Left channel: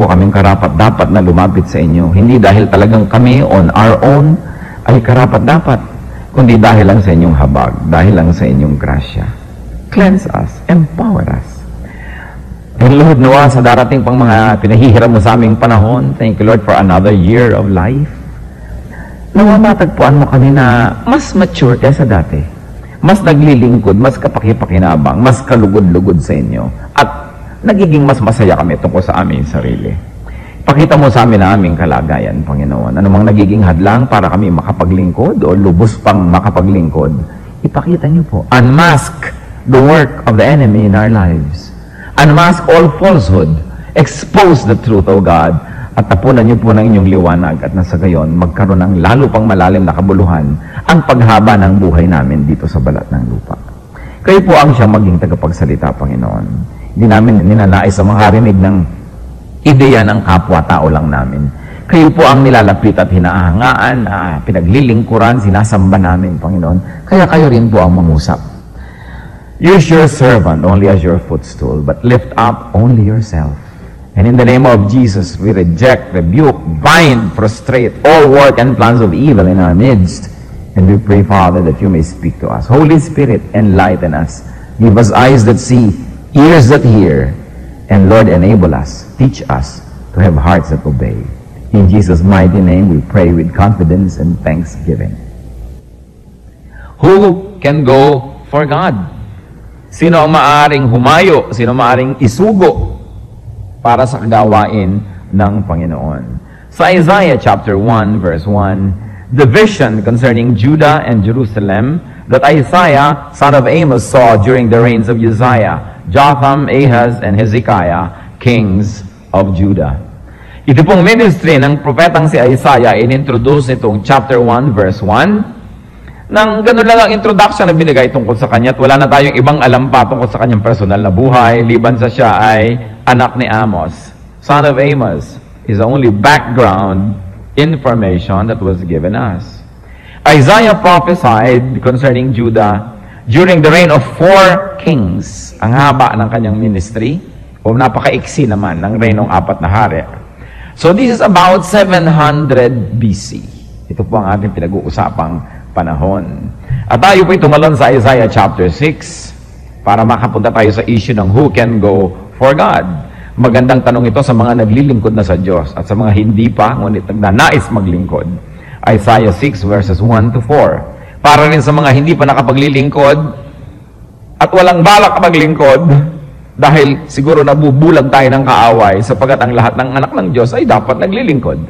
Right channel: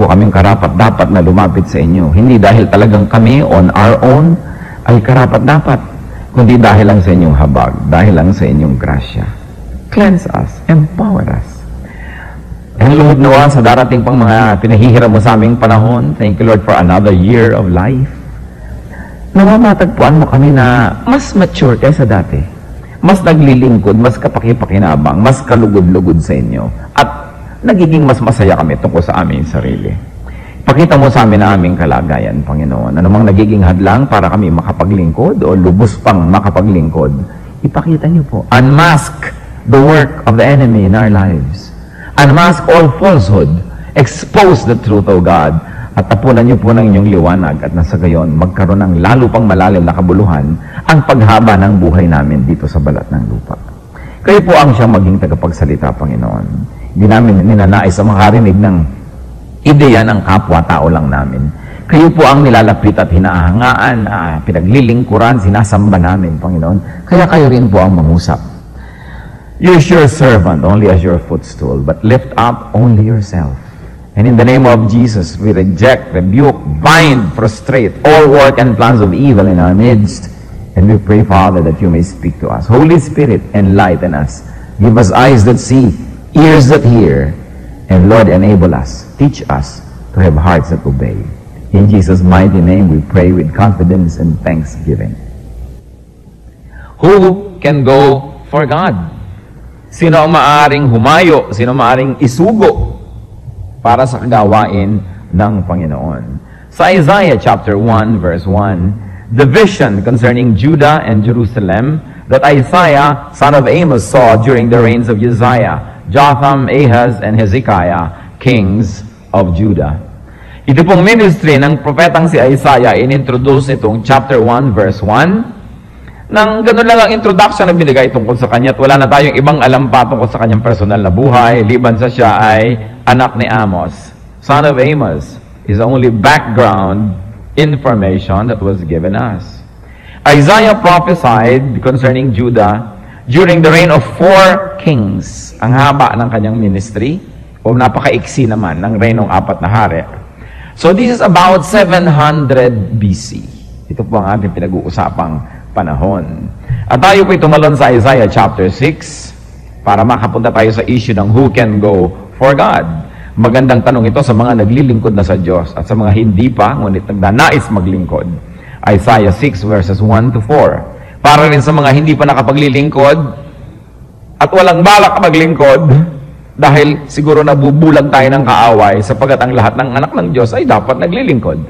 po kaming karapat-dapat na lumapit sa inyo. Hindi dahil talagang kami on our own ay karapat-dapat, kundi dahil lang sa inyong habag, dahil lang sa inyong grasya. Cleanse us, empower us. And Lord, nawa sa darating pang mga pinahihiram mo sa aming panahon, thank you Lord for another year of life. Nawa matagpuan mo kami na mas mature kaysa dati. Mas naglilingkod, mas kapaki-pakinabang, mas kalugod-lugod sa inyo. At nagiging mas masaya kami tungkol sa aming sarili. Pakita mo sa amin na aming kalagayan, Panginoon. Anumang nagiging hadlang para kami makapaglingkod o lubos pang makapaglingkod, ipakita niyo po. Unmask the work of the enemy in our lives. Unmask all falsehood. Expose the truth of God. At tapunan niyo po ng inyong liwanag at nasa gayon, magkaroon ng lalo pang malalim na kabuluhan ang paghaba ng buhay namin dito sa balat ng lupa. Kayo po ang siyang maging tagapagsalita, Panginoon. Hindi namin ninanais sa makarinig ng ideya ng kapwa-tao lang namin. Kayo po ang nilalapit at hinahangaan, pinaglilingkuran, sinasamba namin, Panginoon. Kaya kayo rin po ang mangusap. Use your servant only as your footstool, but lift up only yourself. And in the name of Jesus, we reject, rebuke, bind, frustrate all work and plans of evil in our midst. And we pray, Father, that you may speak to us. Holy Spirit, enlighten us. Give us eyes that see, ears that hear, and Lord, enable us, teach us to have hearts that obey. In Jesus' mighty name, we pray with confidence and thanksgiving. Who can go for God? Sino ang maaring humayo? Sino maaring isugo para sa kagawain ng Panginoon? Sa Isaiah chapter 1, verse 1, the vision concerning Judah and Jerusalem that Isaiah, son of Amos, saw during the reigns of Uzziah, Jotham, Ahaz, and Hezekiah, kings of Judah. Ito pong ministry ng propetang si Isaiah, inintroduce itong chapter 1, verse 1. Nang ganun lang ang introduction na binigay tungkol sa kanya at wala na tayong ibang alam pa tungkol sa kanyang personal na buhay, liban sa siya ay anak ni Amos, son of Amos, is the only background information that was given us. Isaiah prophesied concerning Judah during the reign of 4 kings. Ang haba ng kanyang ministry, o napakaiksi naman ng reign ng 4 na hari. So this is about 700 BC. Ito po ang ating pinag-uusapang panahon. At tayo po tumalon sa Isaiah chapter 6 para makapunta tayo sa issue ng who can go for God. Magandang tanong ito sa mga naglilingkod na sa Diyos at sa mga hindi pa, ngunit nagnanais maglingkod. Isaiah 6 verses 1 to 4. Para rin sa mga hindi pa nakapaglilingkod at walang balak maglingkod dahil siguro nabubulag tayo ng kaaway sapagat ang lahat ng anak ng Diyos ay dapat naglilingkod.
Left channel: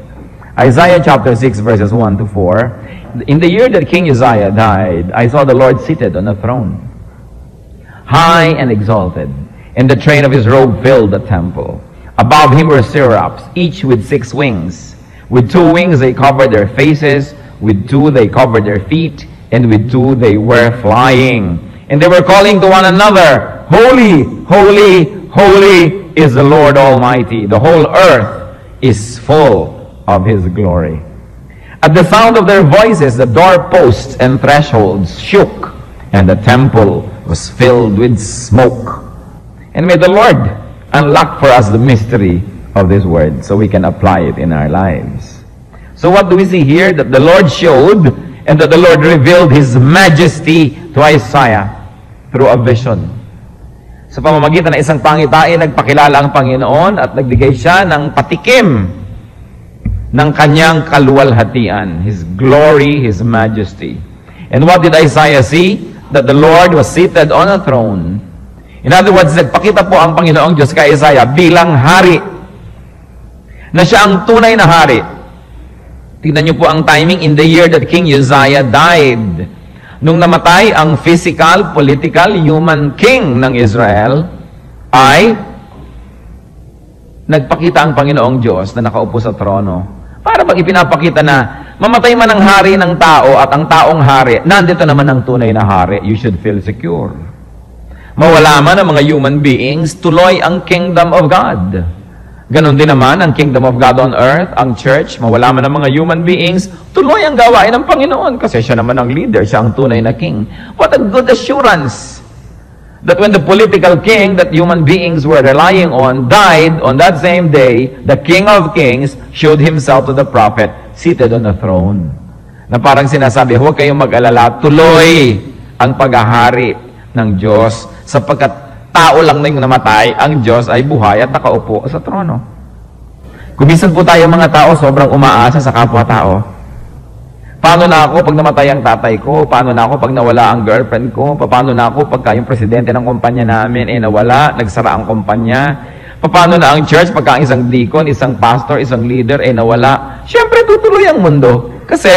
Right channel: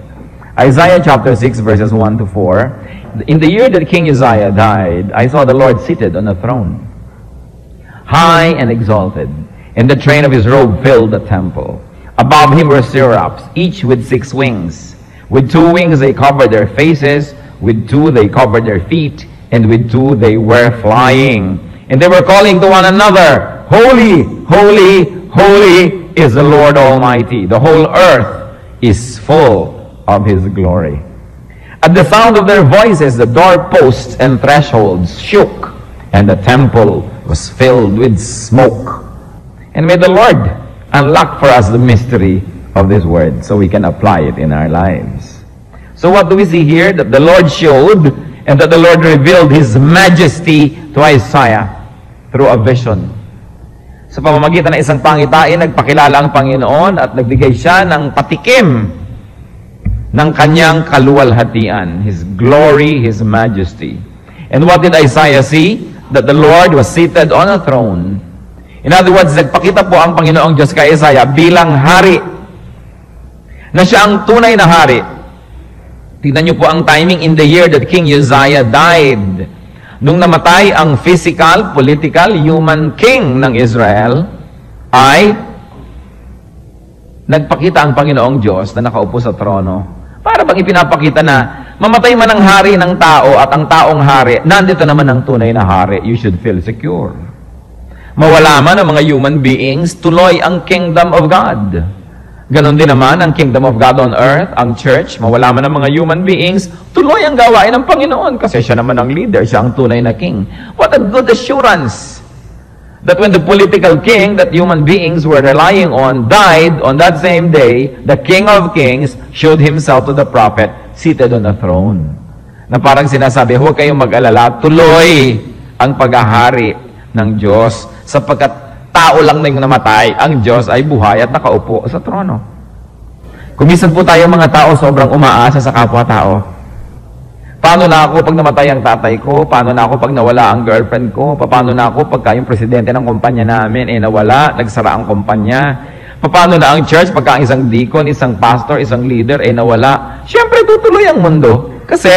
Isaiah chapter 6 verses 1 to 4. In the year that King Uzziah died, I saw the Lord seated on a throne, high and exalted, and the train of his robe filled the temple. Above him were seraphs, each with 6 wings. With 2 wings they covered their faces, with 2 they covered their feet, and with 2 they were flying. And they were calling to one another, Holy, holy, holy is the Lord Almighty. The whole earth is full of his glory. At the sound of their voices, the doorposts and thresholds shook, and the temple was filled with smoke. And may the Lord unlock for us the mystery of this word so we can apply it in our lives. So what do we see here? That the Lord showed and that the Lord revealed his majesty to Isaiah through a vision. Sa pamamagitan ng isang pangitain, nagpakilala ang Panginoon at nagbigay siya ng patikim ng kanyang kaluwalhatian, his glory, his majesty. And what did Isaiah see? That the Lord was seated on a throne. In other words, nagpakita po ang Panginoong Diyos kay Isaiah bilang hari, na siya ang tunay na hari. Tignan niyo po ang timing in the year that King Uzziah died. Nung namatay ang physical, political, human king ng Israel, ay nagpakita ang Panginoong Diyos na nakaupo sa trono. Para bang ipinapakita na mamatay man ang hari ng tao at ang taong hari, nandito naman ang tunay na hari, you should feel secure. Mawala man ang mga human beings, tuloy ang kingdom of God. Ganon din naman ang kingdom of God on earth, ang church, mawala man ang mga human beings, tuloy ang gawain ng Panginoon kasi siya naman ang leader, siya ang tunay na king. What a good assurance that when the political king that human beings were relying on died on that same day, the King of Kings showed himself to the prophet seated on the throne. Na parang sinasabi, huwag kayong mag-alala, tuloy ang paghahari ng Diyos sapagkat tao lang na yung namatay, ang Diyos ay buhay at nakaupo sa trono. Kumisan po tayo mga tao sobrang umaasa sa kapwa-tao. Paano na ako pag namatay ang tatay ko? Paano na ako pag nawala ang girlfriend ko? Paano na ako pagka yung presidente ng kumpanya namin nawala, nagsara ang kumpanya? Paano na ang church pagka ang isang deacon, isang pastor, isang leader nawala? Siyempre tutuloy ang mundo kasi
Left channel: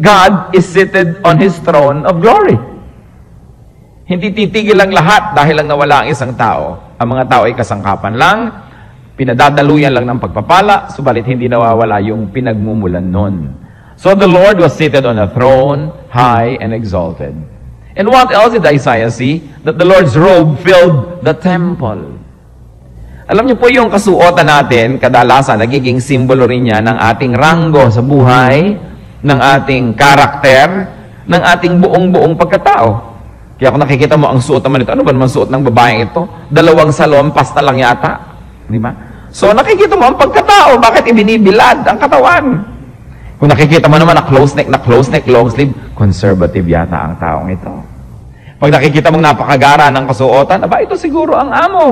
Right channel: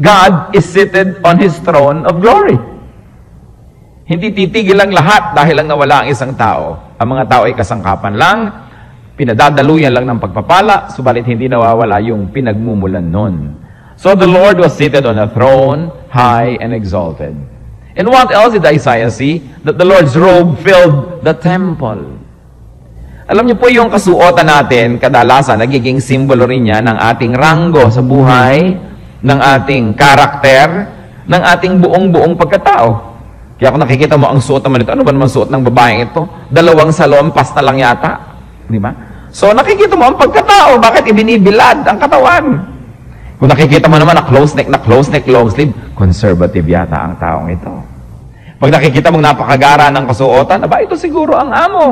God is seated on His throne of glory. Hindi titigil ang lahat dahil lang nawala ang isang tao. Ang mga tao ay kasangkapan lang, pinadadaluyan lang ng pagpapala, subalit hindi nawawala yung pinagmumulan nun. So the Lord was seated on a throne, high and exalted. And what else did Isaiah see? That the Lord's robe filled the temple. Alam niyo po yung kasuotan natin, kadalasan, nagiging simbolo rin niya ng ating ranggo sa buhay, ng ating karakter, ng ating buong pagkatao. Kaya kung nakikita mo ang suot naman ito, ano ba naman suot ng babaeng ito? 2 salompas na lang yata. Di ba? So nakikita mo ang pagkatao, bakit ibinibilad ang katawan? Kung nakikita mo naman na close neck, long sleeve, conservative yata ang taong ito. Pag nakikita mong napakagara ng kasuotan, aba, ito siguro ang amo.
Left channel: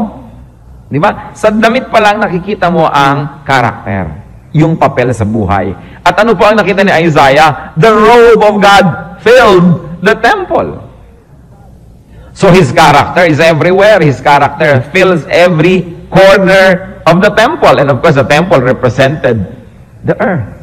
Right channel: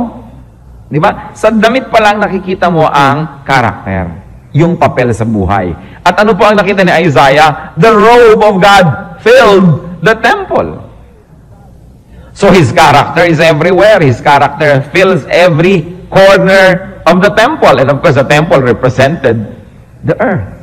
Di ba? Sa damit pa lang nakikita mo ang karakter, yung papel sa buhay. At ano po ang nakita ni Isaiah? The robe of God filled the temple. So his character is everywhere. His character fills every corner of the temple. And of course, the temple represented the earth.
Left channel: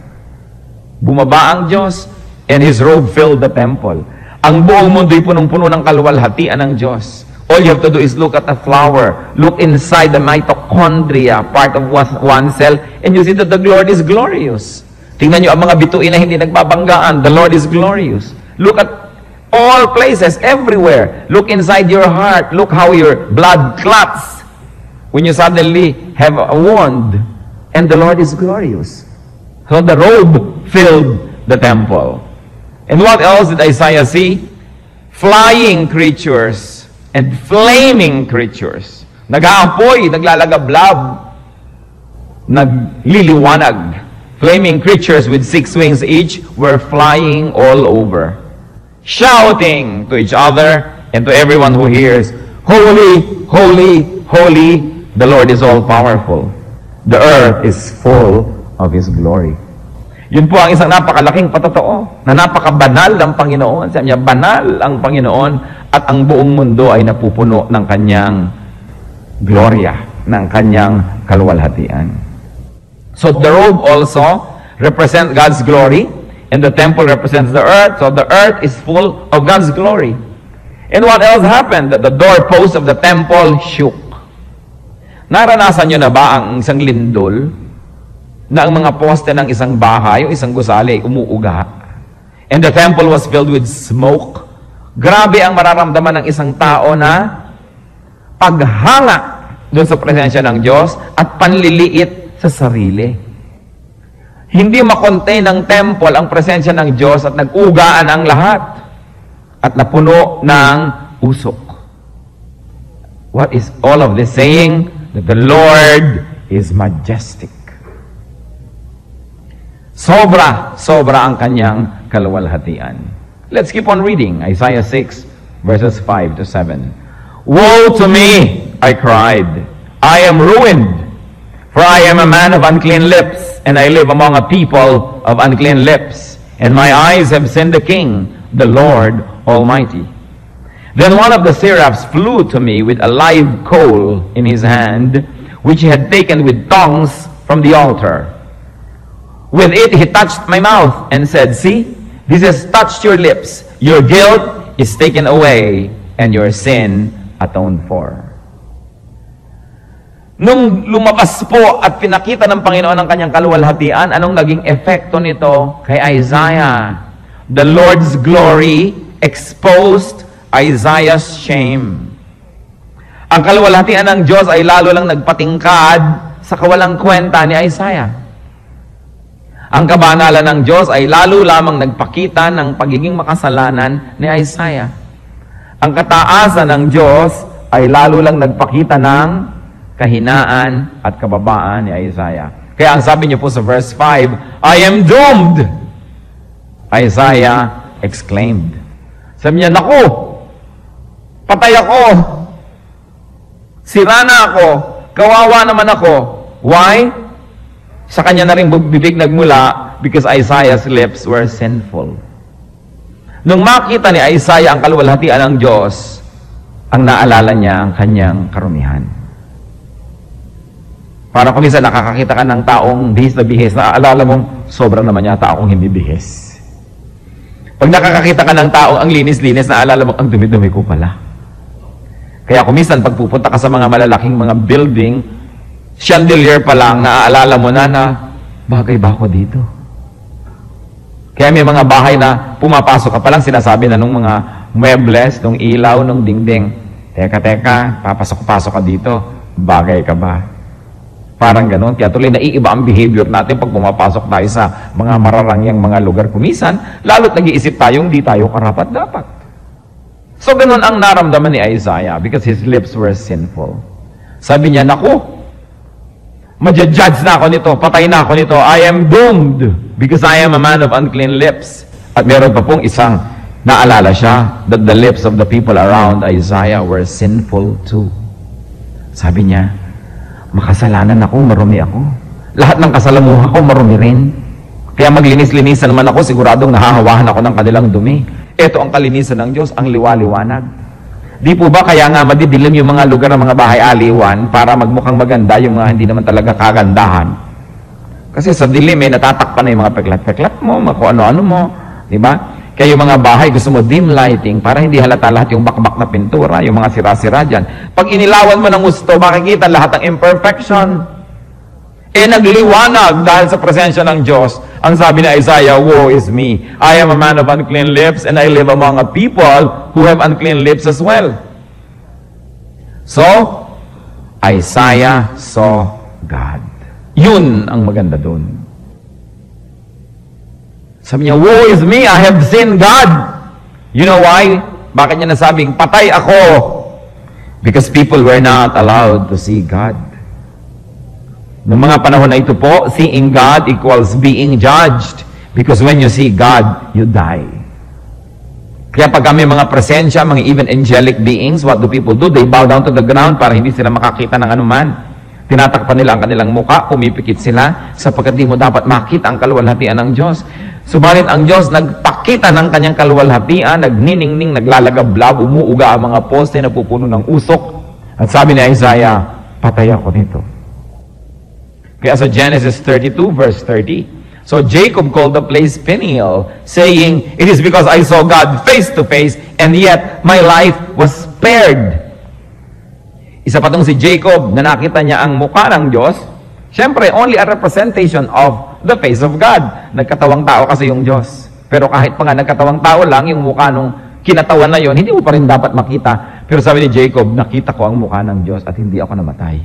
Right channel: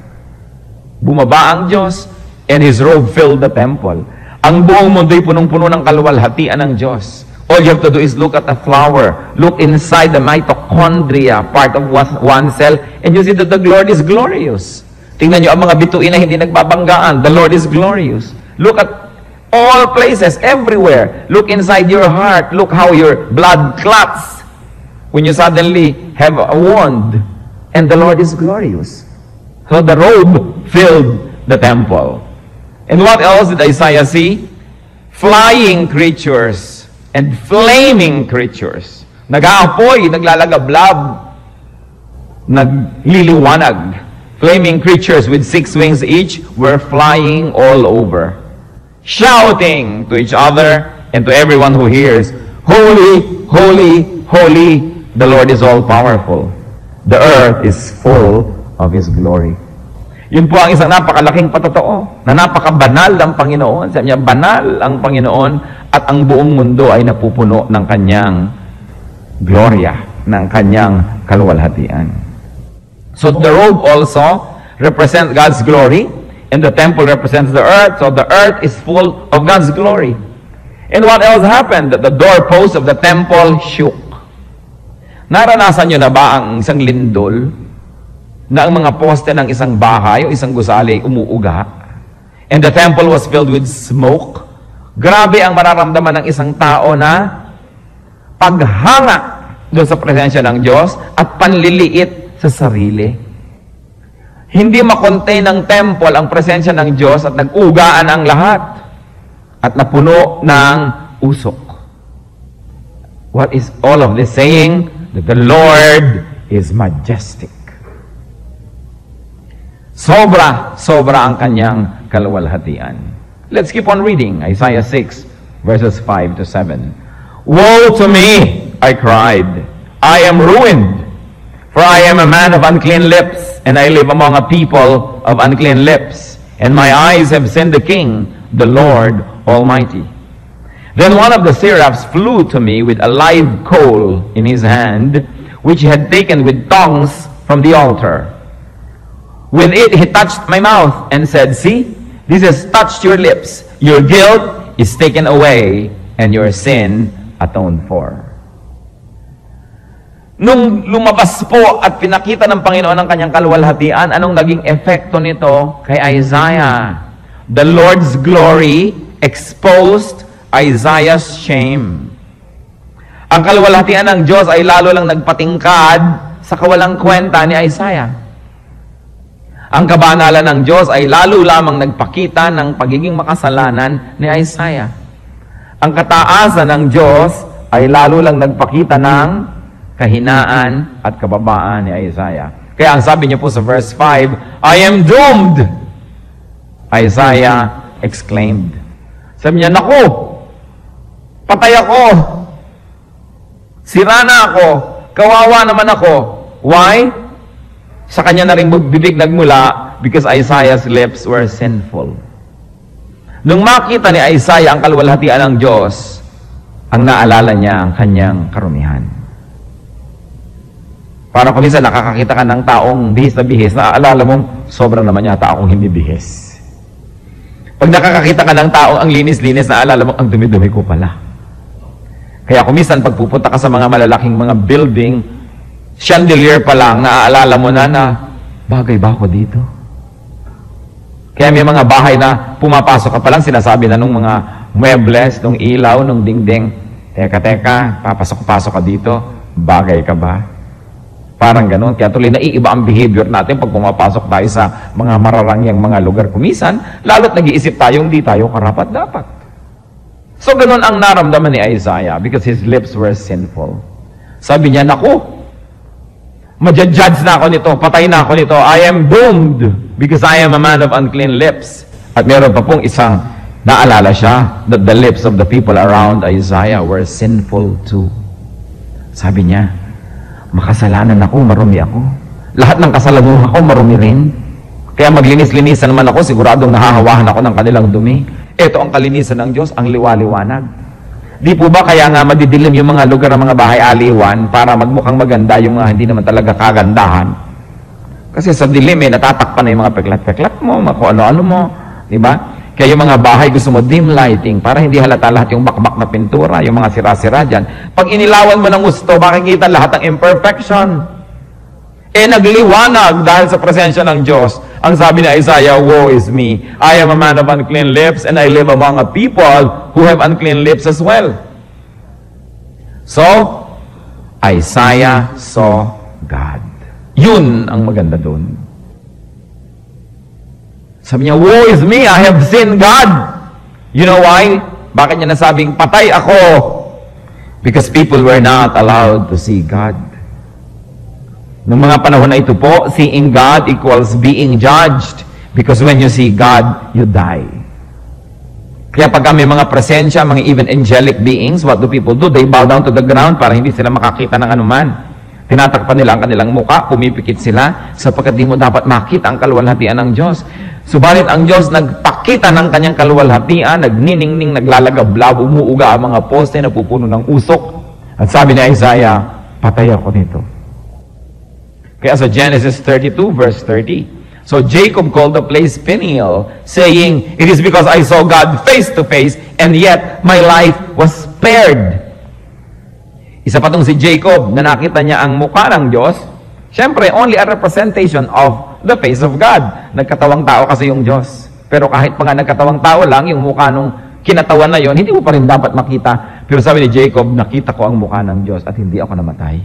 Bumaba ang Diyos, and His robe filled the temple. Ang buong mundo'y punong-puno ng kaluwalhatian ng Diyos. All you have to do is look at a flower, look inside the mitochondria, part of one cell, and you see that the Lord is glorious. Tingnan nyo ang mga bituin na hindi nagbabanggaan. The Lord is glorious. Look at all places, everywhere. Look inside your heart. Look how your blood clots when you suddenly have a wound. And the Lord is glorious. So the robe filled the temple. And what else did Isaiah see? Flying creatures and flaming creatures. Nag-aapoy, naglalagablab, nagliliwanag. Flaming creatures with 6 wings each were flying all over, shouting to each other and to everyone who hears, Holy, holy, holy, the Lord is all-powerful. The earth is full of His glory. Yun po ang isang napakalaking patotoo, na napakabanal ang Panginoon. Sabi niya, banal ang Panginoon at ang buong mundo ay napupuno ng Kanyang gloria, ng Kanyang kaluwalhatian. So the robe also represents God's glory, and the temple represents the earth. So the earth is full of God's glory. And what else happened? That the doorpost of the temple shook. Naranasan nyo na ba ang isang lindol na ang mga poste ng isang bahay o isang gusali umuuga? And the temple was filled with smoke. Grabe ang mararamdaman ng isang tao na paghanga doon sa presensya ng Diyos at panliliit sa sarili. Hindi makontain ng temple ang presensya ng Diyos at nag-ugaan ang lahat at napuno ng usok. What is all of this saying? That the Lord is majestic. Sobra ang Kanyang kaluwalhatian. Let's keep on reading. Isaiah 6, verses 5 to 7. Woe to me, I cried. I am ruined, for I am a man of unclean lips, and I live among a people of unclean lips, and my eyes have seen the King, the Lord Almighty. Then one of the seraphs flew to me with a live coal in his hand, which he had taken with tongs from the altar. With it he touched my mouth and said, See, this has touched your lips. Your guilt is taken away, and your sin atoned for. Nung lumabas po at pinakita ng Panginoon ang Kanyang kaluwalhatian, anong naging epekto nito kay Isaiah? The Lord's glory exposed Isaiah's shame. Ang kaluwalhatian ng Diyos ay lalo lang nagpatingkad sa kawalang kwenta ni Isaiah. Ang kabanalan ng Diyos ay lalo lamang nagpakita ng pagiging makasalanan ni Isaiah. Ang kataasan ng Diyos ay lalo lang nagpakita ng kahinaan at kababaan ni Isaiah. Kaya ang sabi niyo po sa verse 5, I am doomed! Isaiah exclaimed. Sabi niya, naku! Patay ako! Sira na ako! Kawawa naman ako! Why? Sa kanya na rin bibig nagmula because Isaiah's lips were sinful. Nung makita ni Isaiah ang kaluwalhatian ng Diyos, ang naalala niya ang kanyang karumihan. Para kung minsan nakakakita ka ng taong bihis, naaalala mong sobrang naman yata akong hindi bihis. Pag nakakakita ka ng tao ang linis-linis, naalala mo, ang dumi-dumi ko pala. Kaya kung minsan pag pupunta ka sa mga malalaking mga building, chandelier pa lang, naaalala mo na bagay ba ako dito? Kaya may mga bahay na pumapasok ka pa lang, sinasabi na nung mga muebles, nung ilaw, nung dingding, teka, papasok-pasok ka dito, bagay ka ba? Parang gano'n. Kaya tuloy naiiba ang behavior natin pag pumapasok tayo sa mga mararangyang mga lugar. Kumisan, lalo't nag-iisip tayo, hindi tayo karapat-dapat. So gano'n ang naramdaman ni Isaiah because his lips were sinful. Sabi niya, naku, madjudge na ako nito, patay na ako nito, I am doomed because I am a man of unclean lips. At meron pa pong isang naalala siya that the lips of the people around Isaiah were sinful too. Sabi niya, makasalanan ako, marumi ako. Lahat ng kasalamuha ko, marumi rin. Kaya maglinis-linisan naman ako, siguradong nahahawahan ako ng kanilang dumi. Ito ang kalinisan ng Diyos, ang liwa-liwanag. Di po ba kaya nga madidilim yung mga lugar ng mga bahay-aliwan para magmukhang maganda yung mga hindi naman talaga kagandahan? Kasi sa dilim, natatakpan na yung mga peklat-peklat mo, kung ano-ano mo. Di ba? Kaya yung mga bahay, gusto mo dim lighting para hindi halata lahat yung bakbak na pintura, yung mga sira-sira dyan. Pag inilawan mo ng gusto, makikita lahat ng imperfection. Nagliwanag dahil sa presensya ng Diyos. Ang sabi ni Isaiah, woe is me. I am a man of unclean lips and I live among a people who have unclean lips as well. So, Isaiah saw God. Yun ang maganda doon. Sabi niya, woe is me, I have seen God. You know why? Bakit niya nasabing, patay ako? Because people were not allowed to see God. Noong mga panahon na ito po, seeing God equals being judged. Because when you see God, you die. Kaya pag may mga presensya, mga even angelic beings, what do people do? They bow down to the ground para hindi sila makakita ng anuman. Tinatakpan nila ang kanilang muka, pumipikit sila, sapagkat di mo dapat makita ang kaluwalhatian ng Diyos. Subalit ang Diyos nagpakita ng kanyang kaluwalhatian, nagniningning, naglalagablab, umuuga ang mga poste na pupuno ng usok. At sabi ni Isaiah, patay ako nito. Kaya sa Genesis 32 verse 30, so Jacob called the place Peniel, saying, it is because I saw God face to face, and yet my life was spared. Isa pa tong si Jacob na nakita niya ang mukha ng Diyos. Siyempre, only a representation of the face of God. Nagkatawang tao kasi yung Diyos. Pero kahit pa nga nagkatawang tao lang, yung mukha nung kinatawan na yon, hindi mo pa rin dapat makita. Pero sabi ni Jacob, nakita ko ang mukha ng Diyos at hindi ako namatay.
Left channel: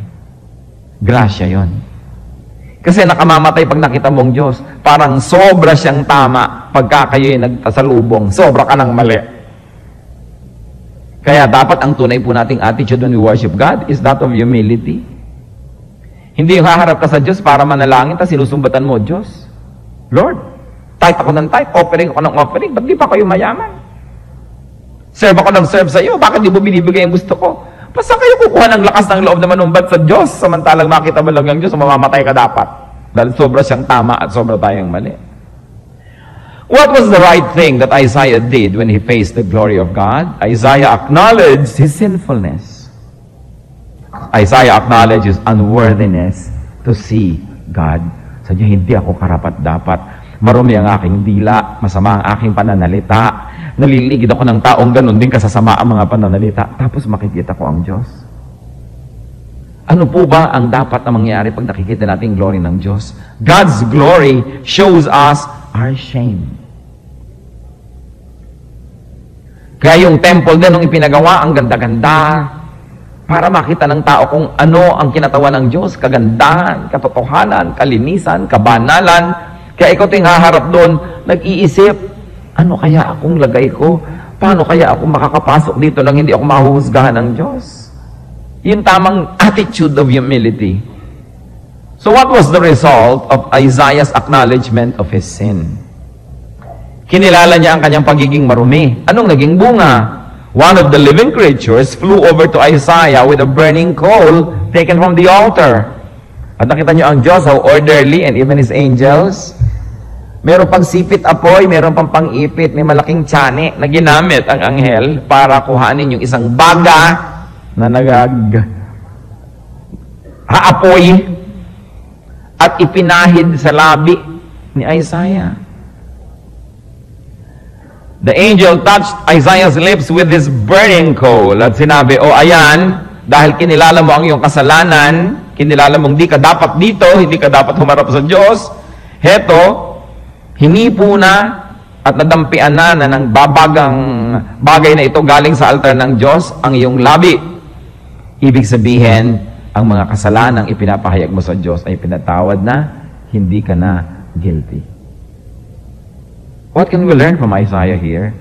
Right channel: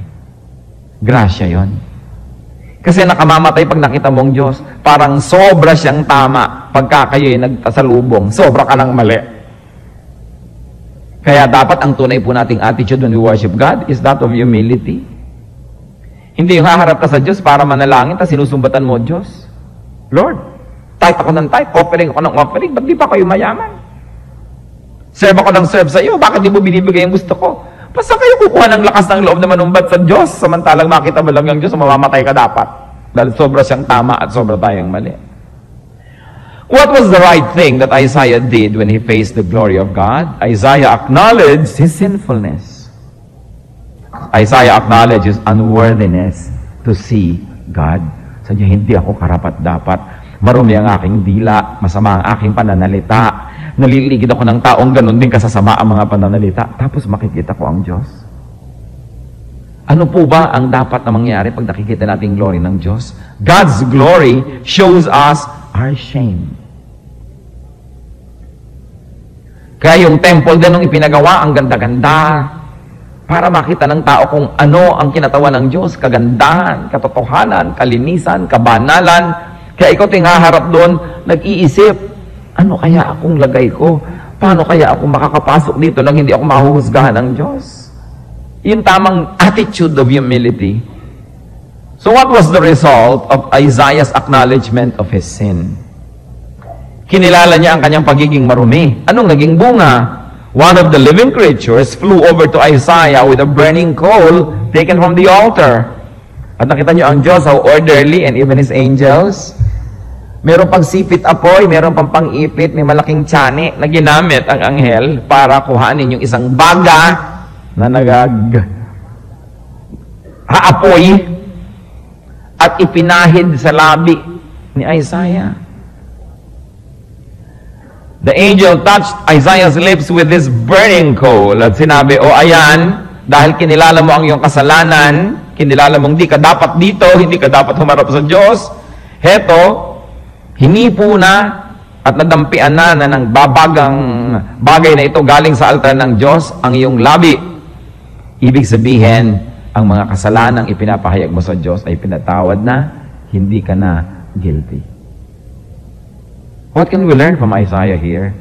Grasya yon. Kasi nakamamatay pag nakita mong Diyos. Parang sobra siyang tama pagka kayo'y nagtasalubong. Sobra ka ng mali. Kaya dapat ang tunay po nating attitude when we worship God is that of humility. Hindi yung haharap ka sa Diyos para manalangin, tapos sinusumbatan mo, Diyos, Lord, type ako ng type, offering ako ng offering, ba't di pa kayo mayaman? Serve ako ng serve sa iyo, bakit di mo binibigay yung gusto ko? Basta kayo kukuha ng lakas ng loob na manumbat sa Diyos, samantalang makita mo lang yung Diyos, mamamatay ka dapat. Dahil sobra siyang tama at sobra tayong mali. What was the right thing that Isaiah did when he faced the glory of God? Isaiah acknowledged his sinfulness. Isaiah acknowledged his unworthiness to see God. Sabi niya, hindi ako karapat-dapat. Marumi ang aking dila, masama ang aking pananalita. Naliligid ako ng taong ganun din kasasama ang mga pananalita. Tapos makikita ko ang Diyos. Ano po ba ang dapat na mangyari pag nakikita natin glory ng Diyos? God's glory shows us our shame. Kaya yung temple din nung ipinagawa, ang ganda-ganda, para makita ng tao kung ano ang kinatawan ng Diyos, kagandahan, katotohanan, kalinisan, kabanalan. Kaya ikaw ting haharap doon, nag-iisip, ano kaya akong lagay ko? Paano kaya ako makakapasok dito nang hindi ako mahuhusgahan ng Diyos? Yung tamang attitude of humility. So what was the result of Isaiah's acknowledgement of his sin? Kinilala niya ang kanyang pagiging marumi. Anong naging bunga? One of the living creatures flew over to Isaiah with a burning coal taken from the altar. At nakita niyo ang Diyos, how orderly, and even his angels. Meron pang sipit apoy, meron pang pang-ipit, may malaking tiyane na ginamit ang anghel para kuhanin yung isang baga na haapoy at ipinahid sa labi ni Isaiah. The angel touched Isaiah's lips with this burning coal at sinabi, "O ayan, dahil kinilala mo ang iyong kasalanan, kinilala mong hindi ka dapat dito, hindi ka dapat humarap sa Diyos, heto, hinipo na at nadampian na ng babagang bagay na ito galing sa altar ng Diyos ang iyong labi." Ibig sabihin, ang mga kasalanang ipinapahayag mo sa Diyos ay pinatawad na, hindi ka na guilty. What can we learn from Isaiah here?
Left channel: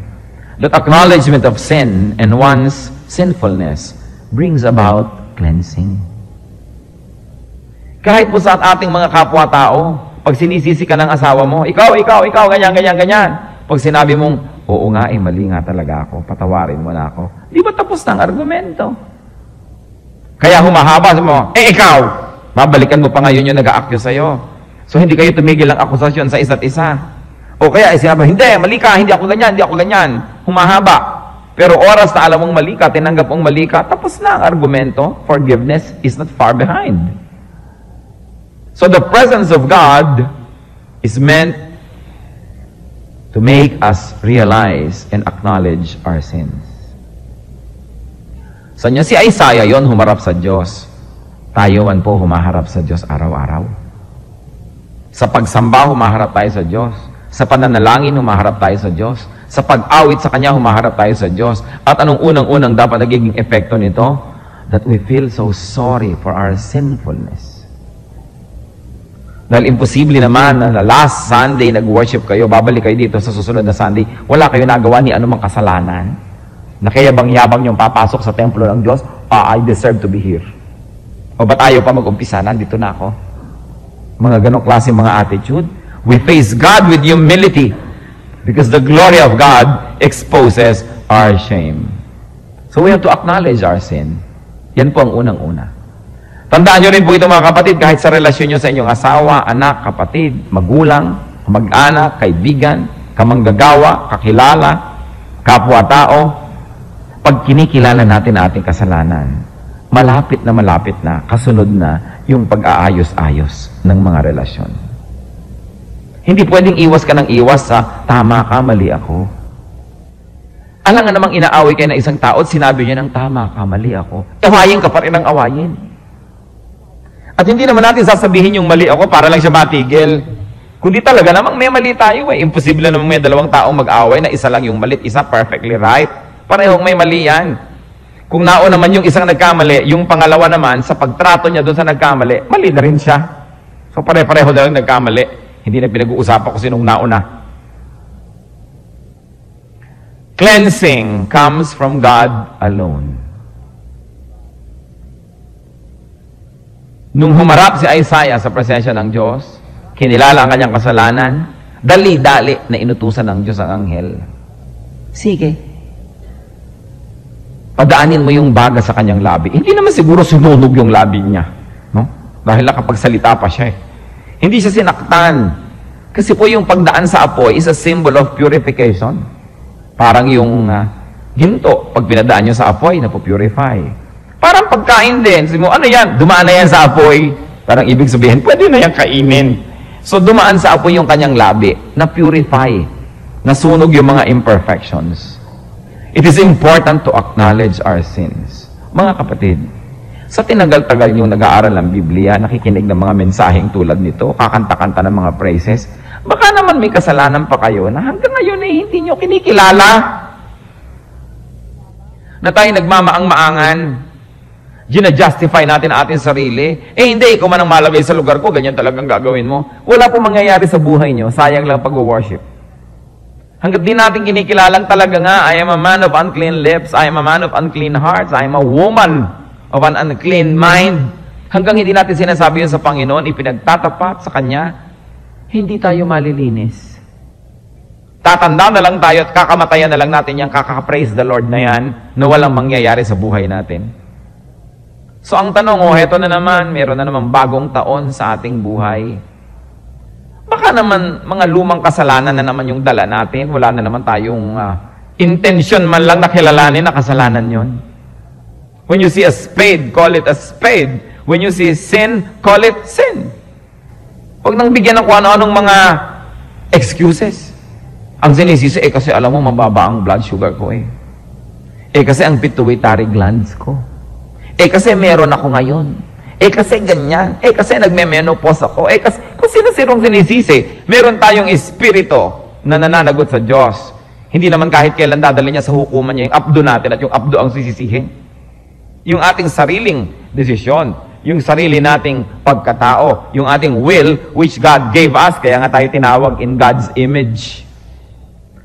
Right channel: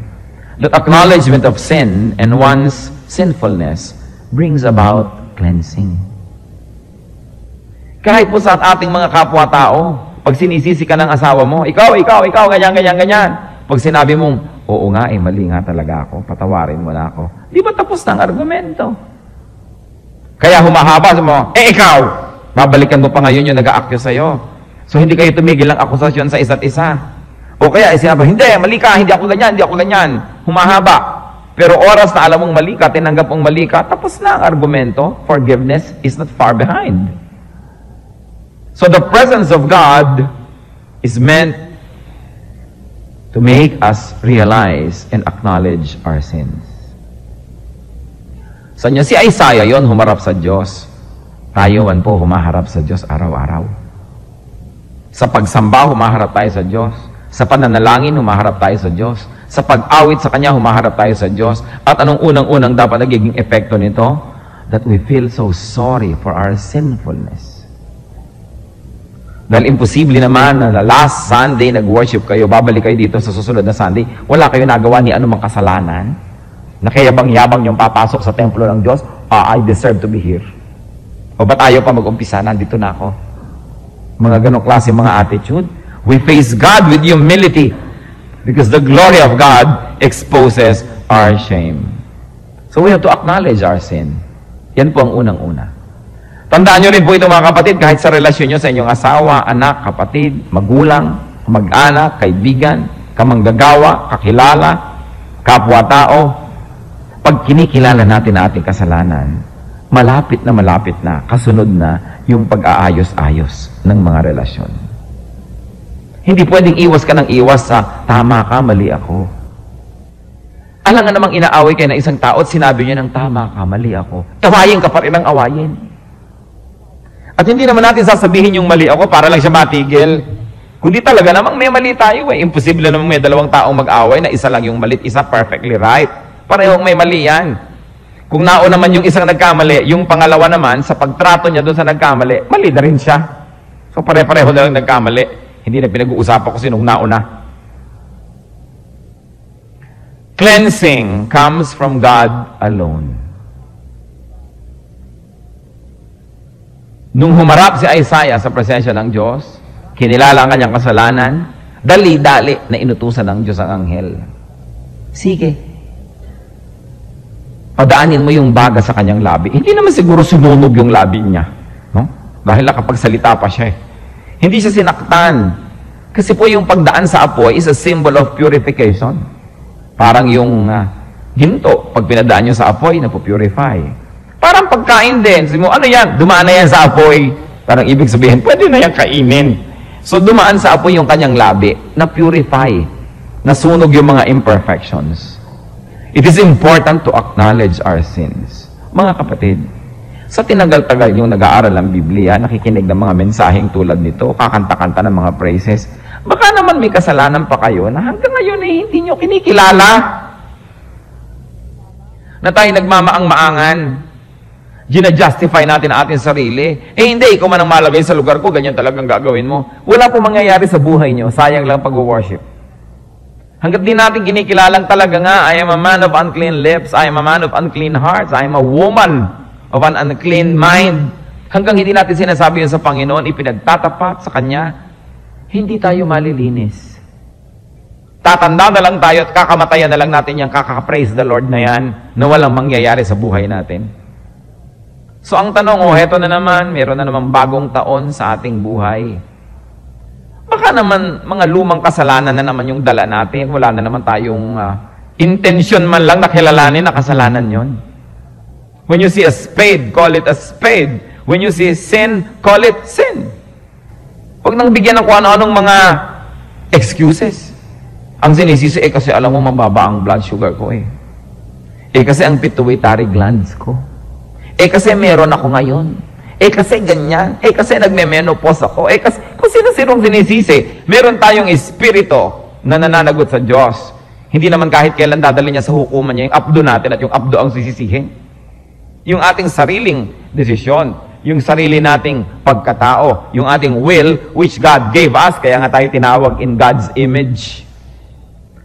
That acknowledgement of sin and one's sinfulness brings about cleansing. Kahit po sa ating mga kapwa-tao, pag sinisisi ka ng asawa mo, ikaw, ganyan. Pag sinabi mong, oo nga, mali nga talaga ako, patawarin mo na ako. Di ba tapos na ang argumento? Kaya humahaba mo, ikaw, babalikan mo pa ngayon yung nag-a-accuse sa'yo. So hindi kayo tumigil ng akusasyon sa isa't isa. O kaya sinabi, hindi, mali ka, hindi ako ganyan. Humahaba. Pero oras na alam mong mali ka, tinanggap mong mali ka, tapos na ang argumento. Forgiveness is not far behind. So the presence of God is meant to make us realize and acknowledge our sins. So niya si Isaiah yon, humarap sa Diyos. Tayo man po humaharap sa Diyos araw-araw. Sa pagsamba, humaharap tayo sa Diyos. Sa pananalangin, humaharap tayo sa Diyos. Sa pag-awit sa Kanya, humaharap tayo sa Diyos. At anong unang-unang dapat nagiging epekto nito? That we feel so sorry for our sinfulness. Dahil imposible naman na last Sunday nag-worship kayo, babalik kayo dito sa susunod na Sunday, wala kayo nagawa ni anumang kasalanan, na kayabang-yabang yung papasok sa templo ng Diyos, I deserve to be here. O ba tayo pa mag-umpisa? Nandito na ako. Mga ganong klase mga attitude. We face God with humility because the glory of God exposes our shame. So we have to acknowledge our sin. Yan po ang unang-una. Tandaan nyo rin po ito mga kapatid, kahit sa relasyon nyo sa inyong asawa, anak, kapatid, magulang, mag-anak, kaibigan, kamanggagawa, kakilala, kapwa-tao, pag kinikilala natin ating kasalanan, malapit na, kasunod na yung pag-aayos-ayos ng mga relasyon. Hindi pwedeng iwas ka ng iwas sa tama ka, mali ako. Alam nga namang inaaway kayo ng isang tao at sinabi niya ng tama ka, mali ako. Tawayin ka pa rin ang awayin. At hindi naman natin sasabihin yung mali ako para lang siya matigil. Kundi talaga namang may mali tayo. Imposible namang may dalawang taong mag-away na isa lang yung mali, isa perfectly right. Parehong may mali yan. Kung nauna naman yung isang nagkamali, yung pangalawa naman, sa pagtrato niya doon sa nagkamali, mali na rin siya. So pare-pareho na lang nagkamali. Hindi na pinag-uusapan ko sinong nauna. Cleansing comes from God alone. Nung humarap si Isaiah sa presensya ng Diyos, kinilala ang kanyang kasalanan, dali-dali na inutusan ng Diyos ang anghel. Sige, padaanin mo yung baga sa kanyang labi. Hindi naman siguro sinunog yung labi niya. No? Dahil nakapagsalita pa siya. Hindi siya sinaktan. Kasi po yung pagdaan sa apoy is a symbol of purification. Parang yung ginto, pag pinadaan nyo sa apoy, napupurify. Parang pagkain din. Sabi mo, ano yan? Dumaan na yan sa apoy. Parang ibig sabihin, pwede na yan kainin. So dumaan sa apoy yung kanyang labi, na-purify. Nasunog yung mga imperfections. It is important to acknowledge our sins. Mga kapatid, sa tinagal-tagal yung nag-aaral ng Biblia, nakikinig ng mga mensaheng tulad nito, kakanta-kanta ng mga praises, baka naman may kasalanan pa kayo na hanggang ngayon ay hindi nyo kinikilala. Na tayo nagmamaang-maangan, gina-justify natin ating sarili. Hindi, ikaw man ang malagay sa lugar ko, ganyan talagang gagawin mo. Wala po mangyayari sa buhay nyo, sayang lang pag-worship. Hanggat di natin kinikilalang talaga nga, I am a man of unclean lips, I am a man of unclean hearts, I am a woman of an unclean mind. Hanggang hindi natin sinasabi yun sa Panginoon, ipinagtatapat sa Kanya, hindi tayo malilinis. Tatanda na lang tayo at kakamatayan na lang natin yung kaka-praise the Lord na yan na walang mangyayari sa buhay natin. So ang tanong, heto na naman, meron na naman bagong taon sa ating buhay. Baka naman mga lumang kasalanan na naman yung dala natin, wala na naman tayong intention man lang na kilalanin na kasalanan yon. When you see a spade, call it a spade. When you see sin, call it sin. Huwag nang bigyan ng kung ano-anong mga excuses. Ang sinisisi, kasi alam mo, mababa ang blood sugar ko eh. Kasi ang pituitary glands ko. Kasi meron ako ngayon. Kasi ganyan. Kasi nagme-menopause ako. Kasi kung sino-sinong sinisisi, meron tayong espiritu na nananagot sa Diyos. Hindi naman kahit kailan dadali niya sa hukuman niya yung abdo natin at yung abdo ang sisisihin. Yung ating sariling desisyon, yung sarili nating pagkatao, yung ating will, which God gave us, kaya nga tayo tinawag in God's image.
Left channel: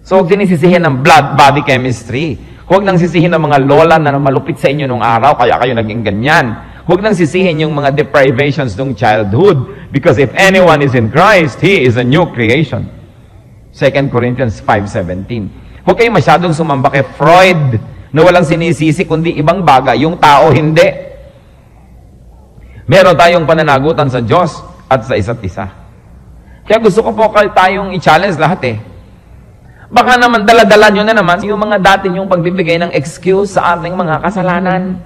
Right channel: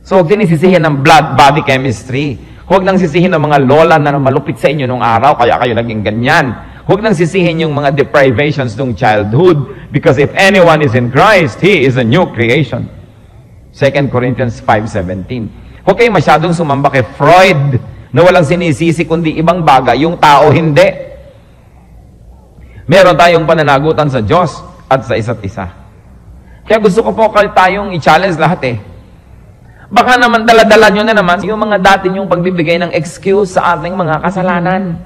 So, huwag sinisisihin ng blood body chemistry. Huwag nang sisihin ng mga lola na malupit sa inyo nung araw, kaya kayo naging ganyan. Huwag nang sisihin yung mga deprivations ng childhood, because if anyone is in Christ, he is a new creation. 2 Corinthians 5:17. Huwag kayo masyadong sumamba kay Freud, na walang sinisisi kundi ibang bagay, yung tao hindi. Meron tayong pananagutan sa Diyos at sa isa't isa. Kaya gusto ko po tayong i-challenge lahat eh. Baka naman dala-dala nyo na naman yung mga dati nyong pagbibigay ng excuse sa ating mga kasalanan.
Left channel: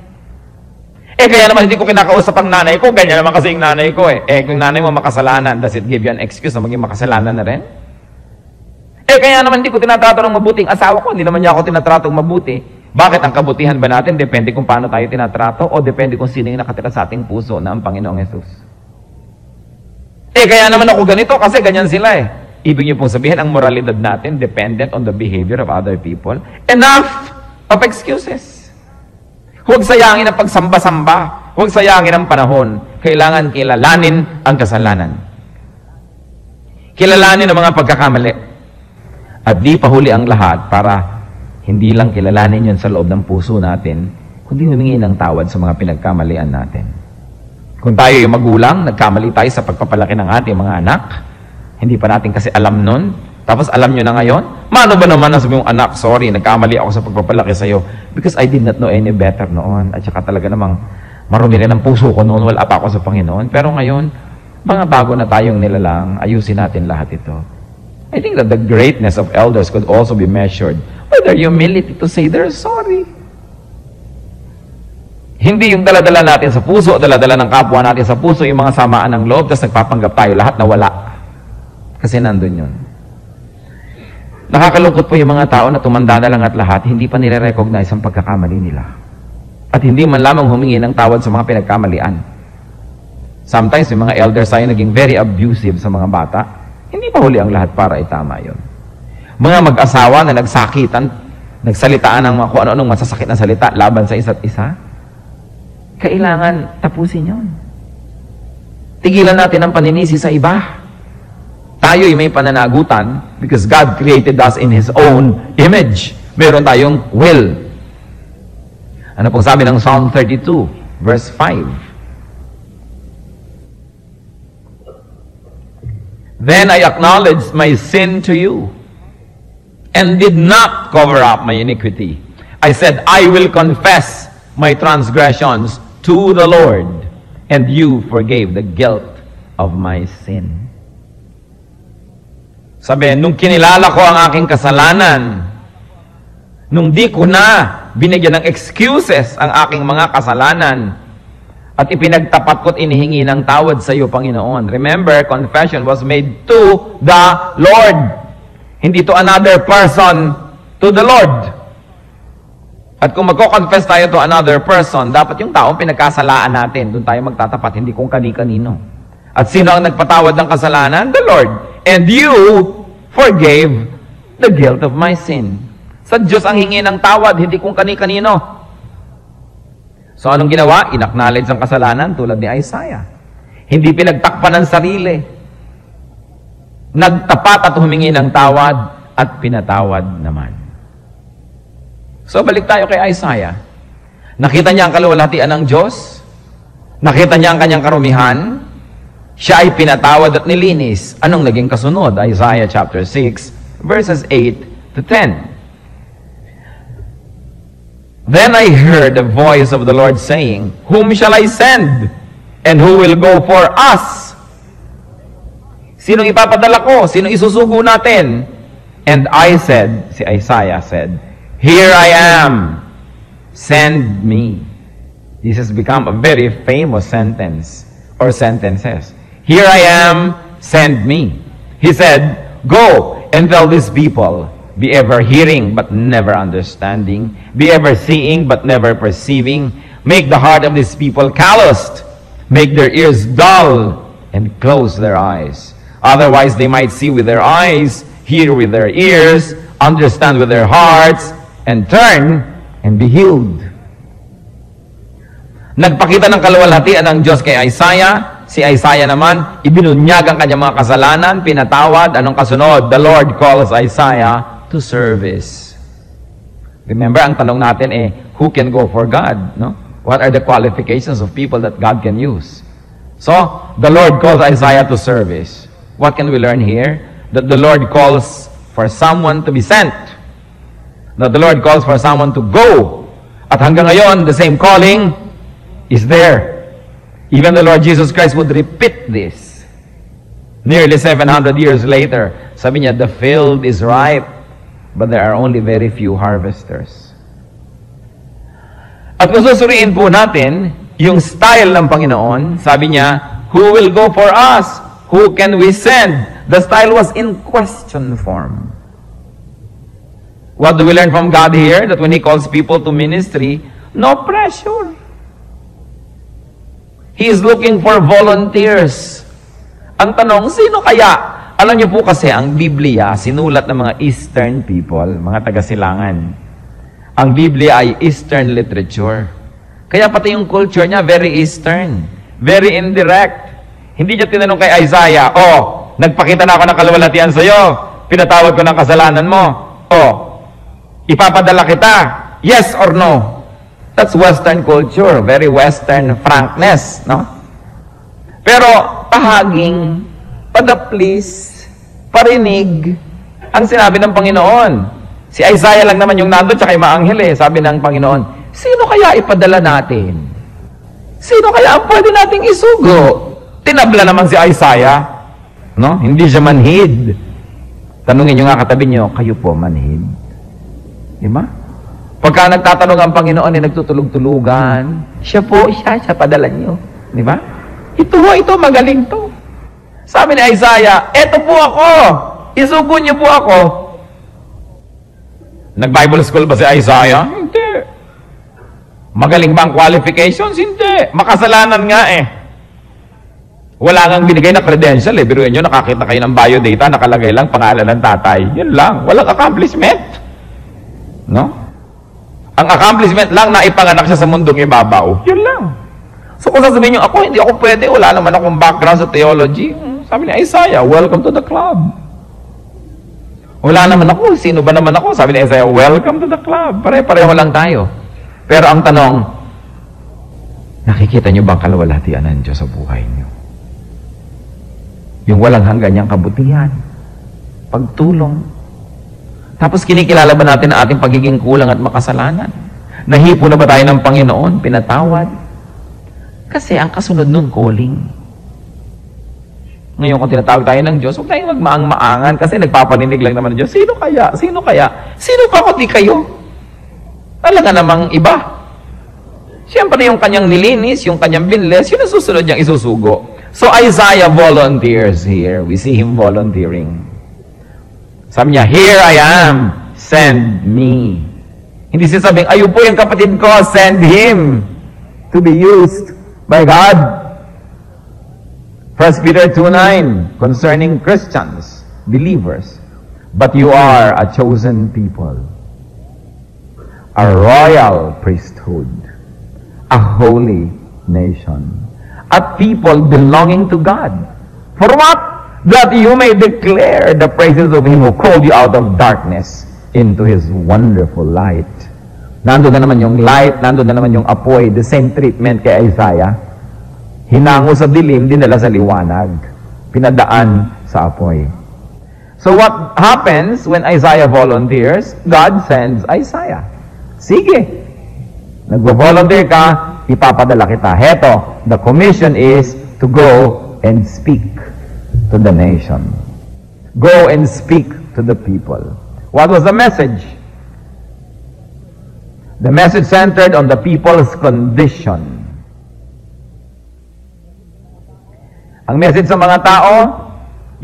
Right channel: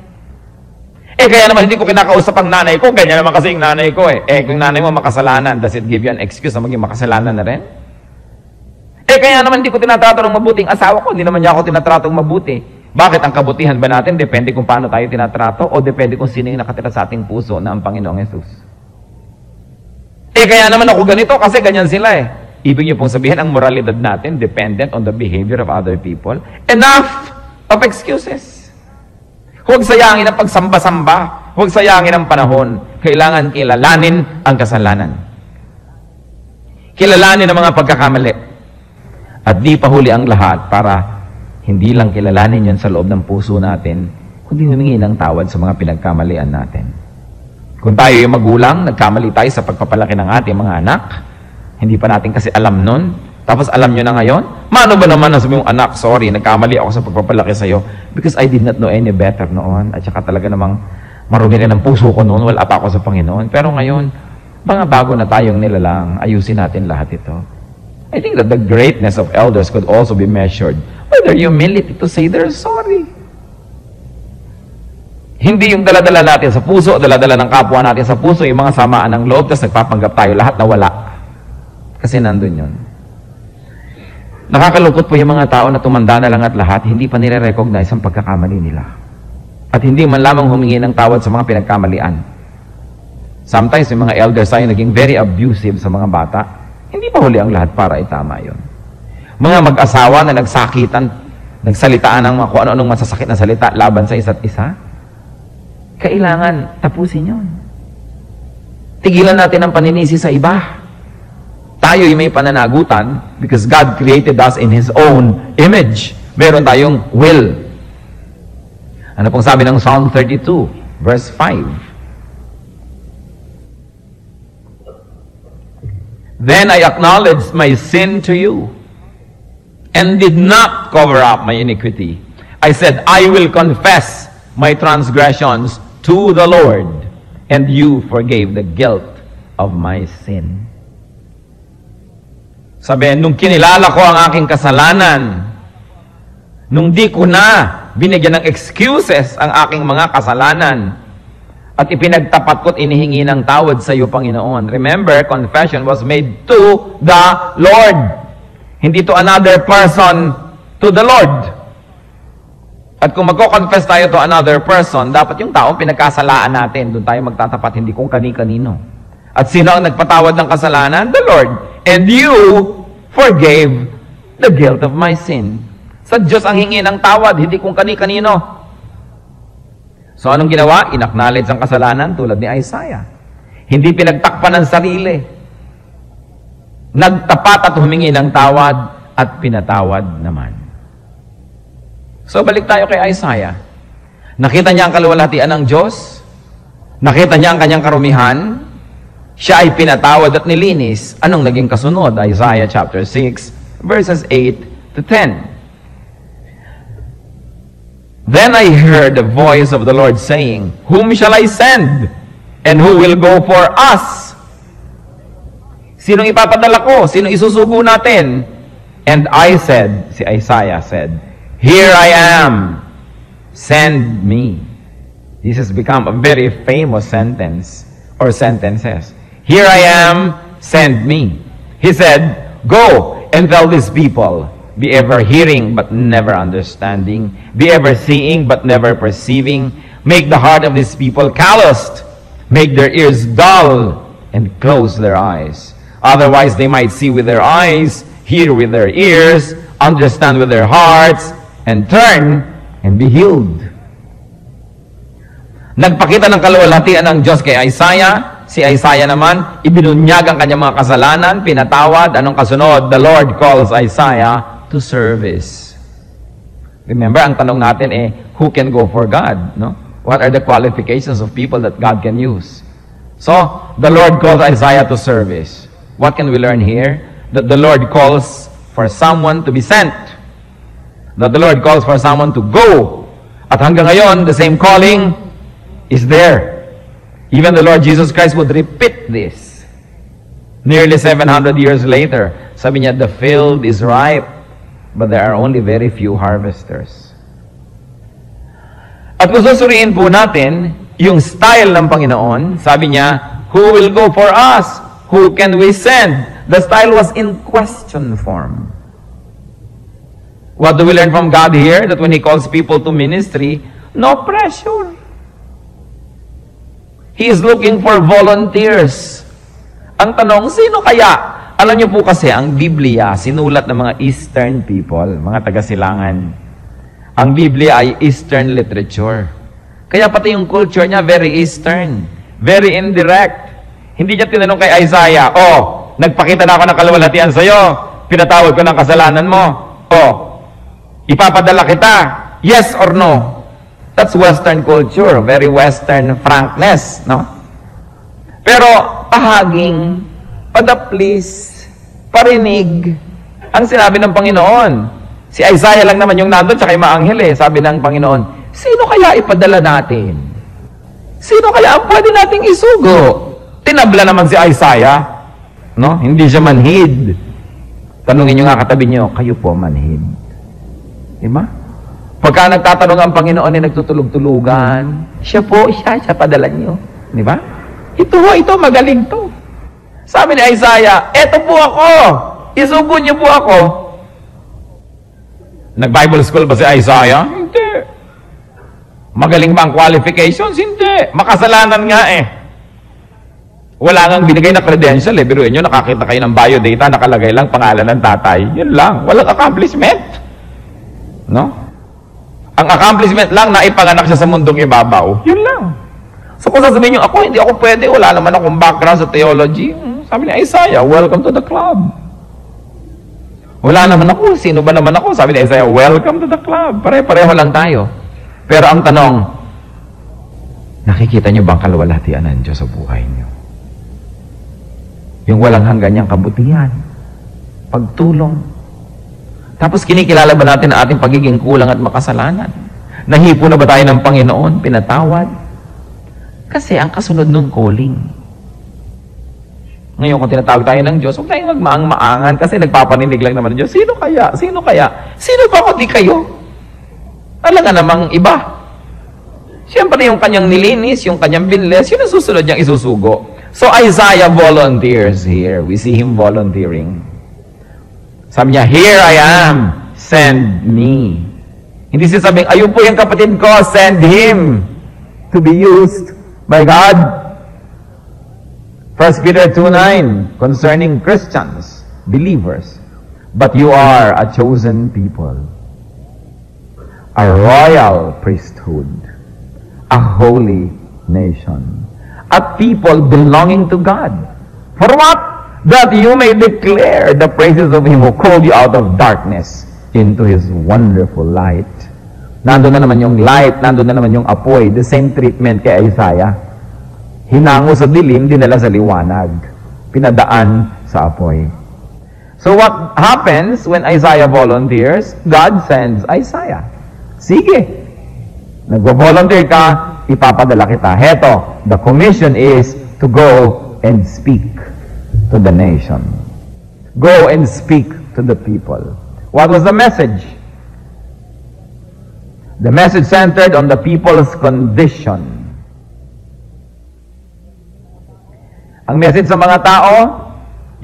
Kaya naman hindi ko kinakausap ang nanay ko, ganyan naman kasi yung nanay ko eh. Kung nanay mo makasalanan, does it give you an excuse na maging makasalanan na rin? Kaya naman hindi ko tinatrato ng mabuti ang asawa ko, hindi naman niya ako tinatratong mabuti. Bakit ang kabutihan ba natin? Depende kung paano tayo tinatrato o depende kung sino yung nakatira sa ating puso na ang Panginoong Yesus. Kaya naman ako ganito kasi ganyan sila eh. Ibig niyo pong sabihin, ang moralidad natin dependent on the behavior of other people. Enough of excuses. Huwag sayangin ang pagsamba-samba. Huwag sayangin ang panahon. Kailangan kilalanin ang kasalanan. Kilalanin ang mga pagkakamali. At di pahuli ang lahat para hindi lang kilalanin yun sa loob ng puso natin, kundi humingi ng tawad sa mga pinagkamalian natin. Kung tayo yung magulang, nagkamali tayo sa pagpapalaki ng ating mga anak, hindi pa natin kasi alam nun, tapos alam nyo na ngayon, mano ba naman ang sabi mong anak, sorry, nagkamali ako sa pagpapalaki sa'yo because I did not know any better noon, at saka talaga namang marumi rin ang puso ko noon, wala pa ako sa Panginoon. Pero ngayon, mga bago na tayong nilalang, ayusin natin lahat ito. I think that the greatness of elders could also be measured by their humility to say they're sorry. Hindi yung dala-dala natin sa puso, dala-dala ng kapwa natin sa puso, yung mga samaan ng loob, tapos nagpapanggap tayo lahat na wala. Kasi nandun yun. Nakakalungkot po yung mga tao na tumanda na lang at lahat, hindi pa nire-recognize ang pagkakamali nila. At hindi man lamang humingi ng tawad sa mga pinagkamalian. Sometimes yung mga elders tayo naging very abusive sa mga bata, hindi pa huli ang lahat para itama yun. Mga mag-asawa na nagsakitan, nagsalitaan ng mga kung ano-anong masasakit na salita laban sa isa't isa, kailangan tapusin yun. Tigilan natin ang paninisi sa iba. Tayo'y may pananagutan because God created us in His own image. Meron tayong will. Ano pong sabi ng Psalm 32, verse 5? Then I acknowledged my sin to you and did not cover up my iniquity. I said, I will confess my transgressions to the Lord, and you forgave the guilt of my sin. Sabi, nung kinilala ko ang aking kasalanan, nung di ko na binigyan ng excuses ang aking mga kasalanan, at ipinagtapat ko't inihingi ng tawad sa iyo, Panginoon. Remember, confession was made to the Lord. Hindi to another person, to the Lord. At kung magko-confess tayo to another person, dapat yung tao pinagkasalaan natin. Doon tayo magtatapat, hindi kung kani-kanino. At sino ang nagpatawad ng kasalanan? The Lord. And you forgave the guilt of my sin. Sa Diyos ang hingi ng tawad, hindi kung kani-kanino. So anong ginawa? Inacknowledge ang kasalanan tulad ni Isaiah. Hindi pinagtakpan ng sarili. Nagtapat at humingi ng tawad at pinatawad naman. So balik tayo kay Isaiah. Nakita niya ang kaluwalhatian ng Diyos. Nakita niya ang kanyang karumihan. Siya ay pinatawad at nilinis. Anong naging kasunod? Isaiah chapter 6, verses 8 to 10. Then I heard the voice of the Lord saying, Whom shall I send? And who will go for us? Sinong ipapadala ko? Sinong isusugo natin? And I said, si Isaiah said, Here I am. Send me. This has become a very famous sentence or sentences. Here I am, send me. He said, Go and tell these people, be ever hearing but never understanding, be ever seeing but never perceiving, make the heart of these people calloused, make their ears dull, and close their eyes. Otherwise they might see with their eyes, hear with their ears, understand with their hearts, and turn and be healed. Nagpakita ng kaluwalhatian ng Diyos kay Isaiah. Si Isaiah naman, ibinunyag ang kanyang mga kasalanan, pinatawad. Anong kasunod? The Lord calls Isaiah to service. Remember, ang tanong natin who can go for God? No? What are the qualifications of people that God can use? So, the Lord calls Isaiah to service. What can we learn here? That the Lord calls for someone to be sent. That the Lord calls for someone to go. At hanggang ngayon, the same calling is there. Even the Lord Jesus Christ would repeat this. Nearly 700 years later, sabi niya, the field is ripe, but there are only very few harvesters. At kung susuriin po natin, yung style ng Panginoon, sabi niya, who will go for us? Who can we send? The style was in question form. What do we learn from God here? That when He calls people to ministry, no pressure. He is looking for volunteers. Ang tanong, sino kaya? Alam niyo po kasi, ang Biblia, sinulat ng mga Eastern people, mga taga-silangan. Ang Biblia ay Eastern literature. Kaya pati yung culture niya, very Eastern. Very indirect. Hindi niya tinanong kay Isaiah, nagpakita na ako ng kaluwalhatian sa iyo, pinatawad ko ng kasalanan mo, ipapadala kita, yes or no? That's Western culture, very Western frankness, no? Pero ahaging, padaplis, parinig, ang sinabi ng Panginoon. Si Isaiah lang naman yung nandun, tsaka yung mga anghel sabi ng Panginoon, sino kaya ipadala natin? Sino kaya ang pwede nating isugo? Tinabla naman si Isaiah, no? Hindi siya manhid. Tanungin nyo nga katabi nyo, kayo po manhid. Diba? Pagka nagtatanong ang Panginoon ay nagtutulog-tulugan, siya padala nyo. Di ba? Ito, magaling to. Sabi ni Isaiah, eto po ako, isugo niyo po ako. Nag-Bible school ba si Isaiah? Hindi. Magaling ba ang qualifications? Hindi. Makasalanan nga Wala nang binigay na credential Biruin nyo, nakakita kayo ng biodata, nakalagay lang pangalan ng tatay. Yun lang. Walang accomplishment. No? Ang accomplishment lang na ipanganak siya sa mundong ibabaw. Yun lang. So kung sasabihin nyo, hindi ako pwede, wala naman akong background sa theology. Sabi ni Isaiah, welcome to the club. Wala naman ako, sino ba naman ako? Sabi ni Isaiah, welcome to the club. Pare-pareho lang tayo. Pero ang tanong, nakikita nyo ba ang kaluwalhatian ng Diyos sa buhay nyo? Yung walang hanggan niyang kabutihan, pagtulong. Tapos kinikilala ba natin ang ating pagiging kulang at makasalanan? Nahipo na ba tayo ng Panginoon? Pinatawad? Kasi ang kasunod nun, calling. Ngayon kung tinatawag tayo ng Diyos, huwag tayong magmaang-maangan kasi nagpapaninig lang naman ng Diyos. Sino kaya? Sino kaya? Sino ba kung di kayo? Talaga namang iba. Siyempre yung kanyang nilinis, yung kanyang binles, yun ang susunod niyang isusugo. So Isaiah volunteers here. We see him volunteering. Sabi niya, here I am, send me. Hindi siya sabing, ayun po yung kapatid ko, send him to be used by God. 1 Peter 2:9, concerning Christians, believers, but you are a chosen people, a royal priesthood, a holy nation, a people belonging to God. For what? That you may declare the praises of Him who called you out of darkness into His wonderful light. Nandun na naman yung light, nandun na naman yung apoy. The same treatment kay Isaiah. Hinango sa dilim, dinala sa liwanag. Pinadaan sa apoy. So what happens when Isaiah volunteers? God sends Isaiah. Sige. Nag-volunteer ka, ipapadala kita. Heto, the commission is to go and speak to the nation. Go and speak to the people. What was the message? The message centered on the people's condition. Ang message sa mga tao,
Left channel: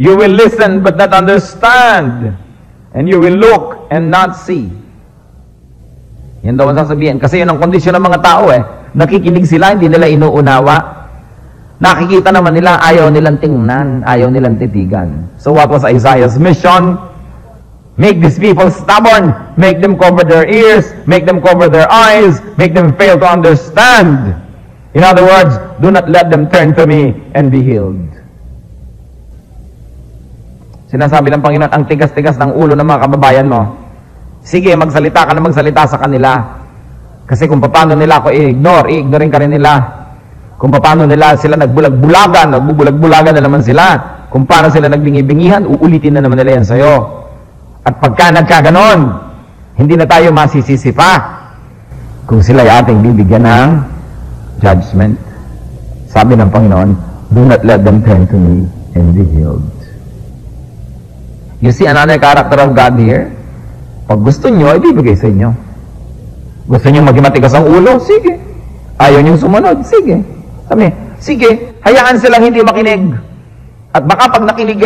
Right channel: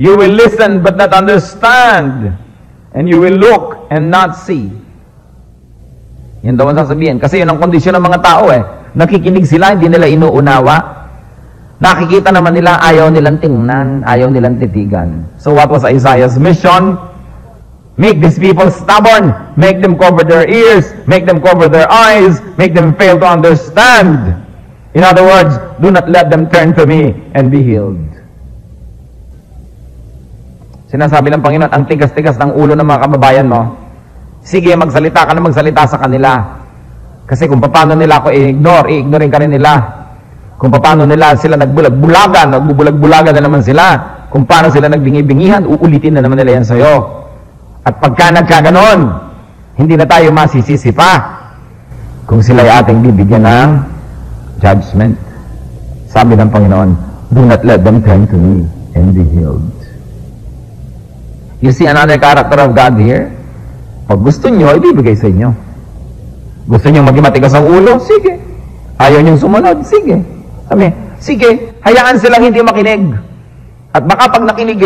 you will listen but not understand. And you will look and not see. Yan daw ang sasabihin. Kasi yun ang kondisyon ng mga tao eh. Nakikinig sila, hindi nila inuunawa. Nakikita naman nila, ayaw nilang tingnan, ayaw nilang titigan. So what was Isaiah's mission? Make these people stubborn. Make them cover their ears. Make them cover their eyes. Make them fail to understand. In other words, do not let them turn to me and be healed. Sinasabi ng Panginoon, ang tigas-tigas ng ulo ng mga kababayan mo. Sige, magsalita ka na magsalita sa kanila. Kasi kung paano nila ako i-ignorein ka rin nila. Kung paano nila sila nagbulag-bulagan, nagbubulag-bulagan na naman sila. Kung paano sila nagbingi-bingihan, uulitin na naman nila yan sa'yo. At pagka nagkaganon, hindi na tayo masisisi pa kung sila ay ating bibigyan ng judgment. Sabi ng Panginoon, do not let them turn to me and be healed. You see another character of God here? Pag gusto nyo, ibibigay sa inyo. Gusto nyo maging matigas ang ulo? Sige. Ayaw nyo sumunod? Sige. Sabi, sige, hayaan silang hindi makinig. At baka pag nakinig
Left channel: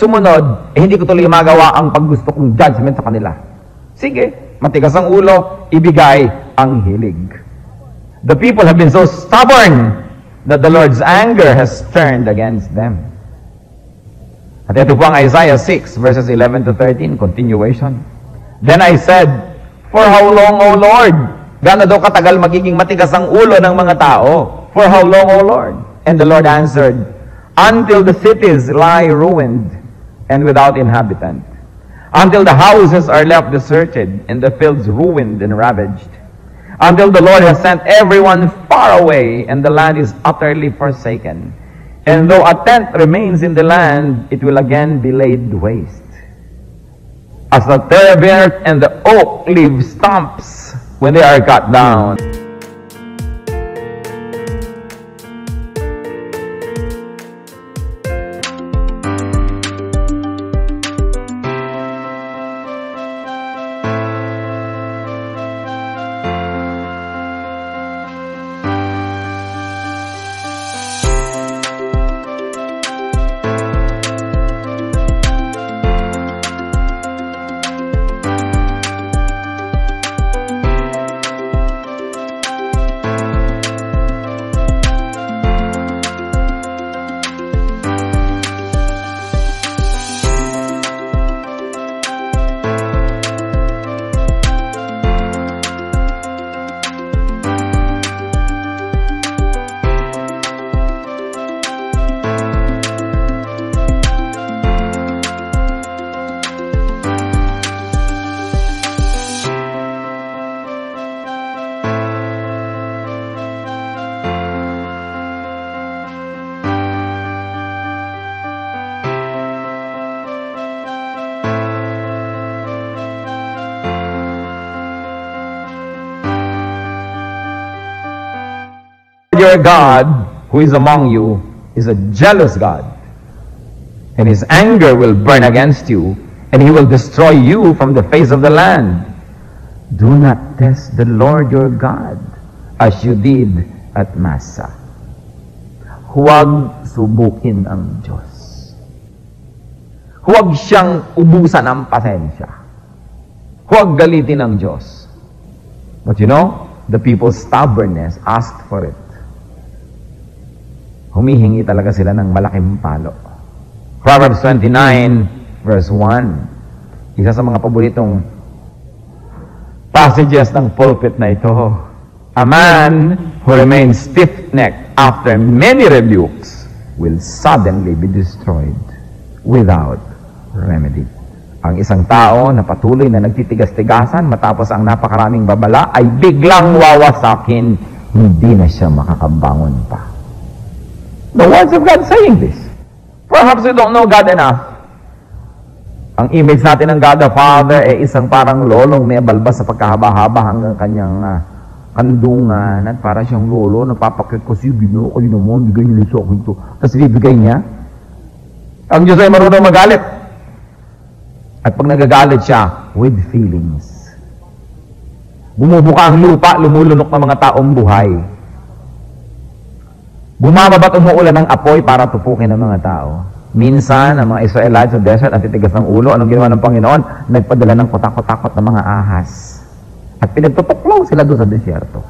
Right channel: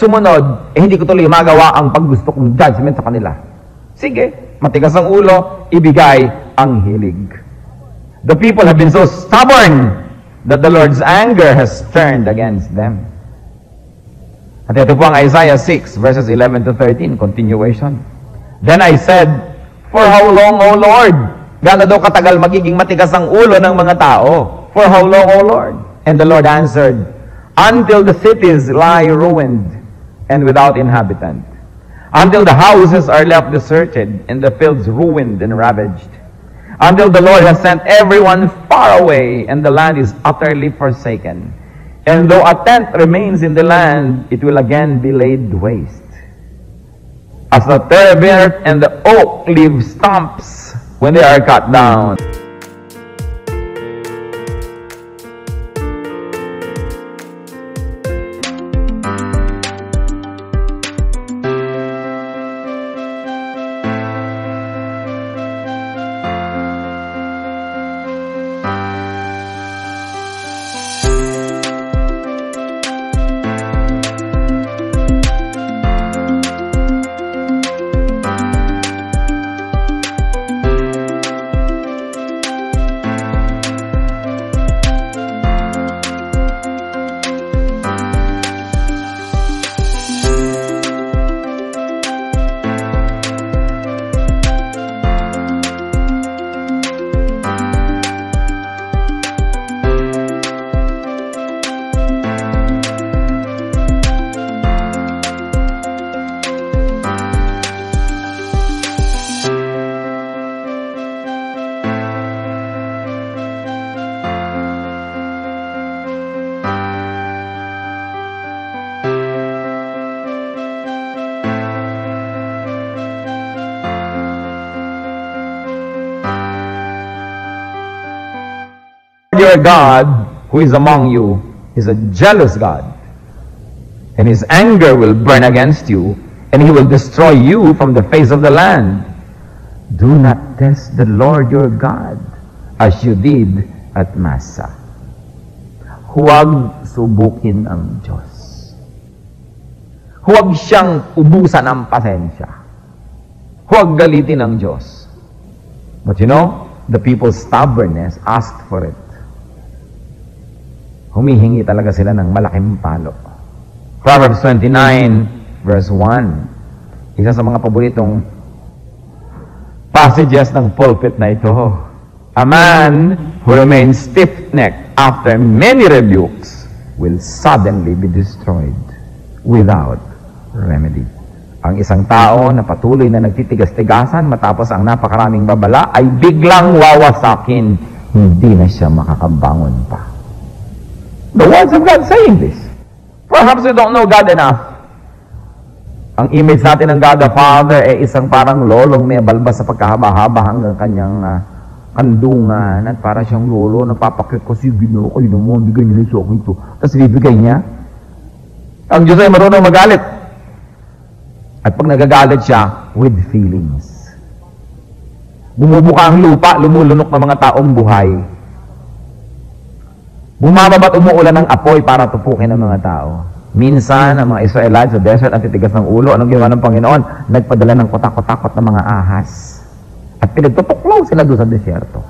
sumunod, hindi ko tuloy magawa ang paggusto kong judgment sa kanila. Sige, matigas ang ulo, ibigay ang hilig. The people have been so stubborn that the Lord's anger has turned against them. At ito po ang Isaiah 6, verses 11 to 13, continuation. Then I said, for how long, O Lord? Gaano daw katagal magiging matigas ang ulo ng mga tao? For how long, O Lord? And the Lord answered, until the cities lie ruined and without inhabitant, until the houses are left deserted and the fields ruined and ravaged, until the Lord has sent everyone far away and the land is utterly forsaken. And though a tent remains in the land, it will again be laid waste. As the terebinth and the oak leave stumps when they are cut down. Your God, who is among you, is a jealous God, and his anger will burn against you, and he will destroy you from the face of the land. Do not test the Lord your God as you did at Massa. Huwag subukin ang Diyos. Huwag siyang ubusan ng pasensya. Huwag galitin ang Diyos. But you know, the people's stubbornness asked for it. Humihingi talaga sila ng malaking palo. Proverbs 29, verse 1. Isa sa mga paboritong passages ng pulpit na ito. A man who remains stiff-necked after many rebukes will suddenly be destroyed without remedy. Ang isang tao na patuloy na nagtitigas-tigasan matapos ang napakaraming babala ay biglang wawasakin. Hindi na siya makakabangon pa. The words of God saying this. Perhaps we don't know God enough. Ang image natin ng God the Father ay isang parang lolong may balbas sa pagkahaba-haba hanggang kanyang kandungan at para siyang lolo, napapakit ko siya, Ginoo ko, yun naman, bigay niya sa akin ito. Tapos bibigay niya. Ang Diyos ay marunong magalit. At pag nagagalit siya, with feelings. Bumubuka ang lupa, lumulunok ng mga taong buhay. Bumababa at umuulan ng apoy para tupukin ang mga tao. Minsan, ang mga Israelites sa desert at titigas ng ulo, anong ginawa ng Panginoon? Nagpadala ng kotak-kotakot ng mga ahas. At pinagtutuklaw sila doon sa desyerto.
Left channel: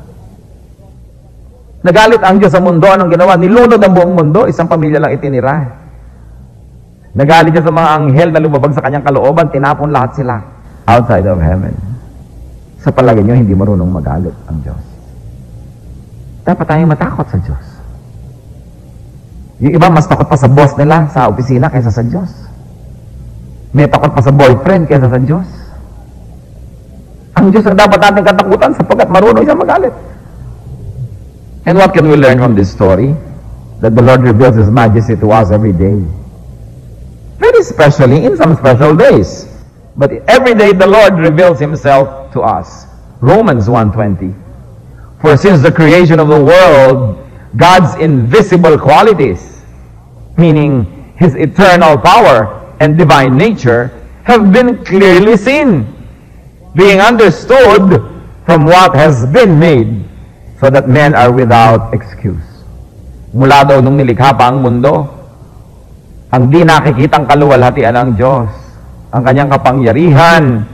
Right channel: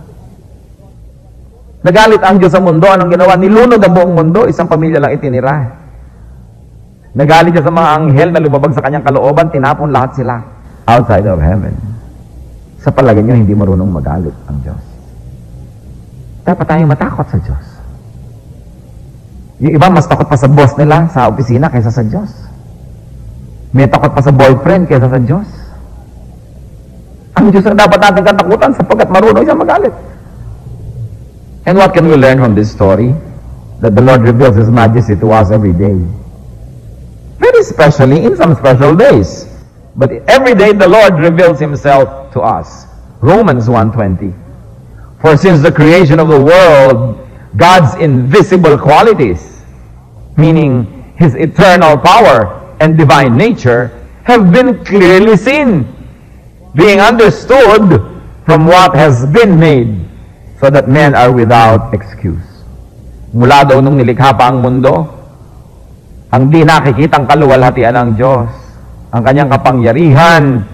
Nagalit ang Diyos sa mundo, anong ginawa? Nilunod ang buong mundo, isang pamilya lang itinira. Nagalit siya sa mga anghel na lumabag sa kanyang kalooban, tinapon lahat sila outside of heaven. Sa palagay niyo, hindi marunong magalit ang Diyos. Dapat tayong matakot sa Diyos. Yung iba, mas takot pa sa boss nila sa opisina kaysa sa Diyos. May takot pa sa boyfriend kaysa sa Diyos. Ang Diyos ang dapat natin katakutan sapagkat marunong siya magalit. And what can we learn from this story? That the Lord reveals His majesty to us every day. Very especially in some special days. But every day the Lord reveals Himself to us. Romans 1:20. For since the creation of the world, God's invisible qualities, meaning His eternal power and divine nature, have been clearly seen, being understood from what has been made, so that men are without excuse. Mula daw nung nilikha pa ang mundo, ang di nakikitang kaluwalhatian ng Diyos, ang kanyang kapangyarihan,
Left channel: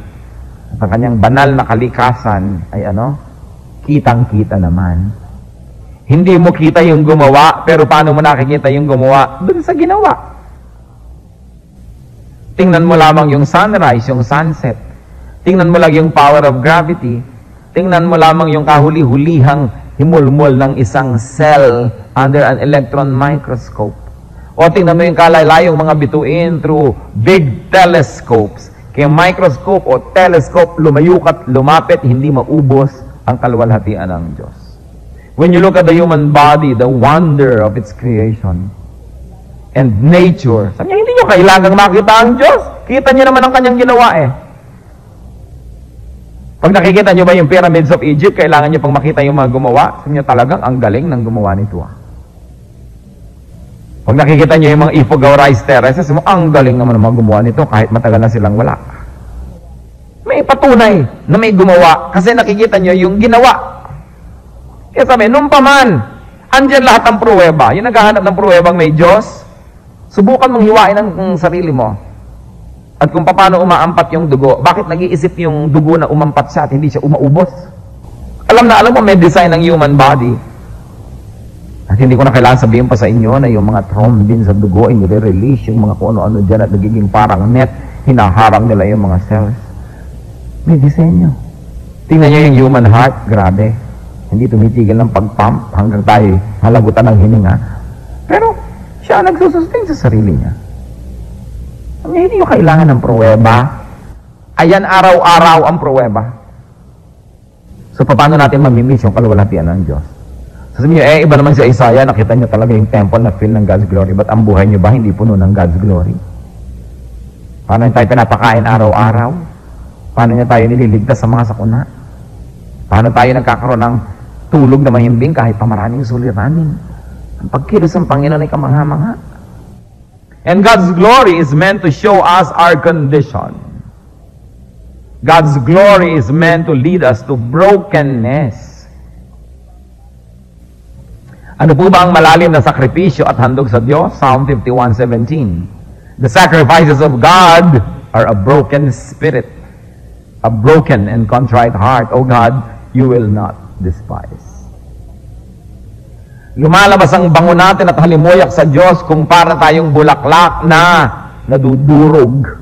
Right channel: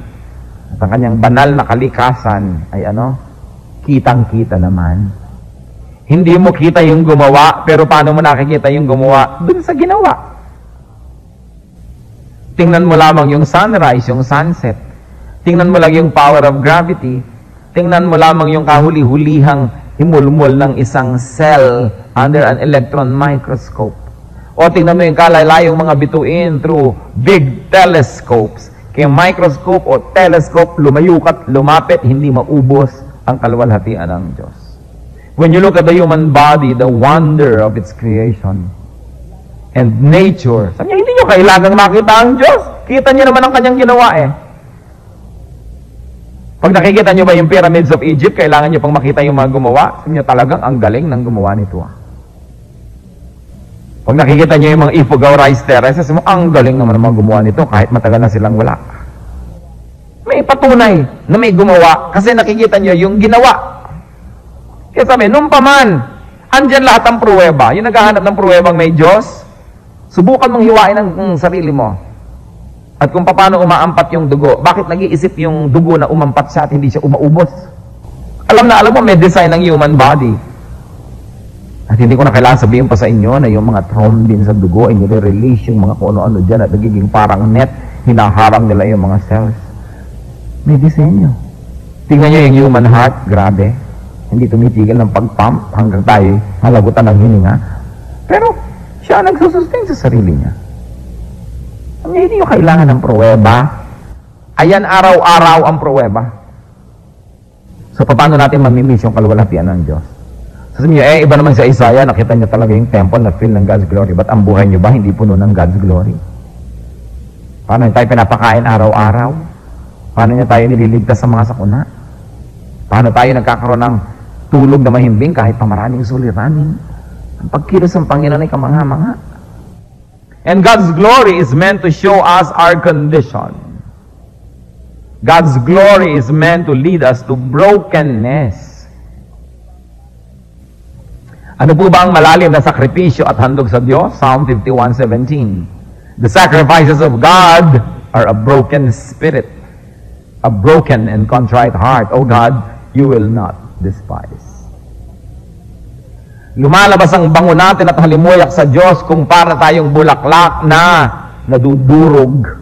ang kanyang banal na kalikasan, ay kitang-kita naman. Hindi mo kita yung gumawa, pero paano mo nakikita yung gumawa? Doon sa ginawa. Tingnan mo lamang yung sunrise, yung sunset. Tingnan mo lang yung power of gravity. Tingnan mo lamang yung kahuli-hulihang himulmol ng isang cell under an electron microscope. O tingnan mo yung kalalayong mga bituin through big telescopes. Kaya microscope o telescope, lumayukat, lumapit, hindi maubos ang kaluwalhatian ng Diyos. When you look at the human body, the wonder of its creation and nature, sabi niya, hindi nyo kailangang makita ang Diyos. Kita niyo naman ang kanyang ginawa eh. Pag nakikita niyo ba yung pyramids of Egypt, kailangan niyo pang makita yung mga gumawa. Sabi niya, talagang ang galing ng gumawa nito ah. Pag nakikita niyo yung mga Ifugao rice terraces, ang galing naman ng mga gumawa nito kahit matagal na silang wala. May patunay na may gumawa kasi nakikita niyo yung ginawa. Kaya sabi, nung paman, andyan lahat ng pruweba. Yung naghahanap ng pruwebang may Diyos, subukan mong hiwain ang sarili mo. At kung paano umaampat yung dugo, bakit nag-iisip yung dugo na umampat siya at hindi siya umaubos? Alam mo, may design ng human body. At hindi ko na kailangan sabihin pa sa inyo na yung mga thrombin sa dugo ay nire-release yung mga kuno-ano dyan at nagiging parang net, hinaharap nila yung mga cells. May disenyo. Tingnan nyo yung human heart, grabe. Hindi tumitigil ng pag-pump hanggang tayo halabutan ng hininga. Pero siya nagsusustain sa sarili niya. Hindi nyo kailangan ng pruweba. Ayan araw-araw ang pruweba. So paano natin mamimiss yung kaluwalhatian ng Diyos? Sabi niyo, iba naman sa Isaiah, nakita niyo talaga yung temple na fill ng God's glory. Ba't ang buhay niyo ba hindi puno ng God's glory? Paano tayo pinapakain araw-araw? Paano niya tayo nililigtas sa mga sakuna? Paano tayo nagkakaroon ng tulog na mahimbing kahit pa maraming suliranin? Ang pagkilos ng Panginoon ay kamanga-manga. And God's glory is meant to show us our condition. God's glory is meant to lead us to brokenness. Ano po ba ang malalim na sakripisyo at handog sa Diyos? Psalm 51:17. The sacrifices of God are a broken spirit, a broken and contrite heart. O God, you will not despise. Lumalabas ang bango natin at halimuyak sa Diyos kung para tayong bulaklak na nadudurog.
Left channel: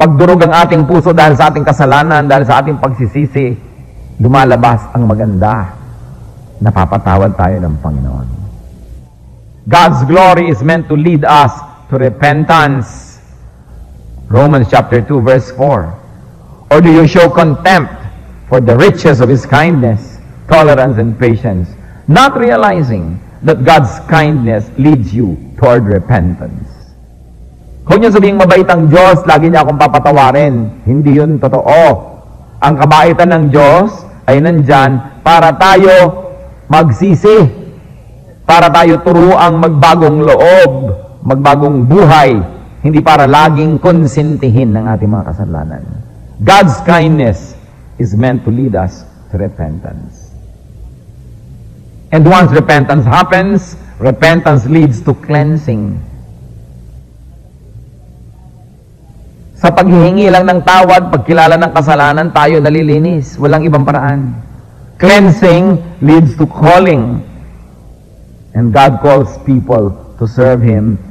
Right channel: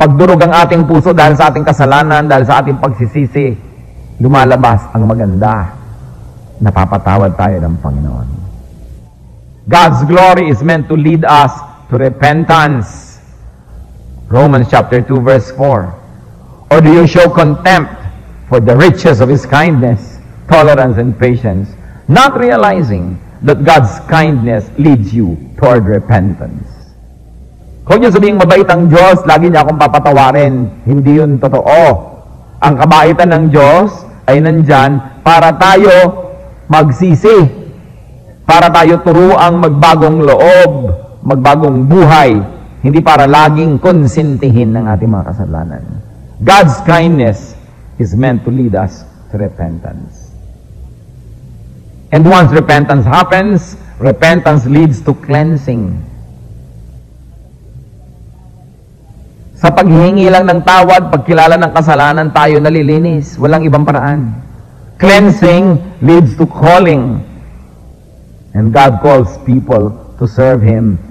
Pagdurog ang ating puso dahil sa ating kasalanan, dahil sa ating pagsisisi, lumalabas ang maganda. Napapatawad tayo ng Panginoon. God's glory is meant to lead us to repentance. Romans chapter 2, verse 4. Or do you show contempt for the riches of His kindness, tolerance, and patience, not realizing that God's kindness leads you toward repentance? Huwag niyo sabihing mabait ang Diyos, lagi niya akong papatawarin. Hindi yun totoo. Ang kabaitan ng Diyos ay nandyan para tayo magsisi, para tayo turuang magbagong loob, magbagong buhay, hindi para laging konsintihin ng ating mga kasalanan. God's kindness is meant to lead us to repentance. And once repentance happens, repentance leads to cleansing. Sa paghihingi lang ng tawad, pagkilala ng kasalanan, tayo nalilinis. Walang ibang paraan. Cleansing leads to calling. And God calls people to serve Him.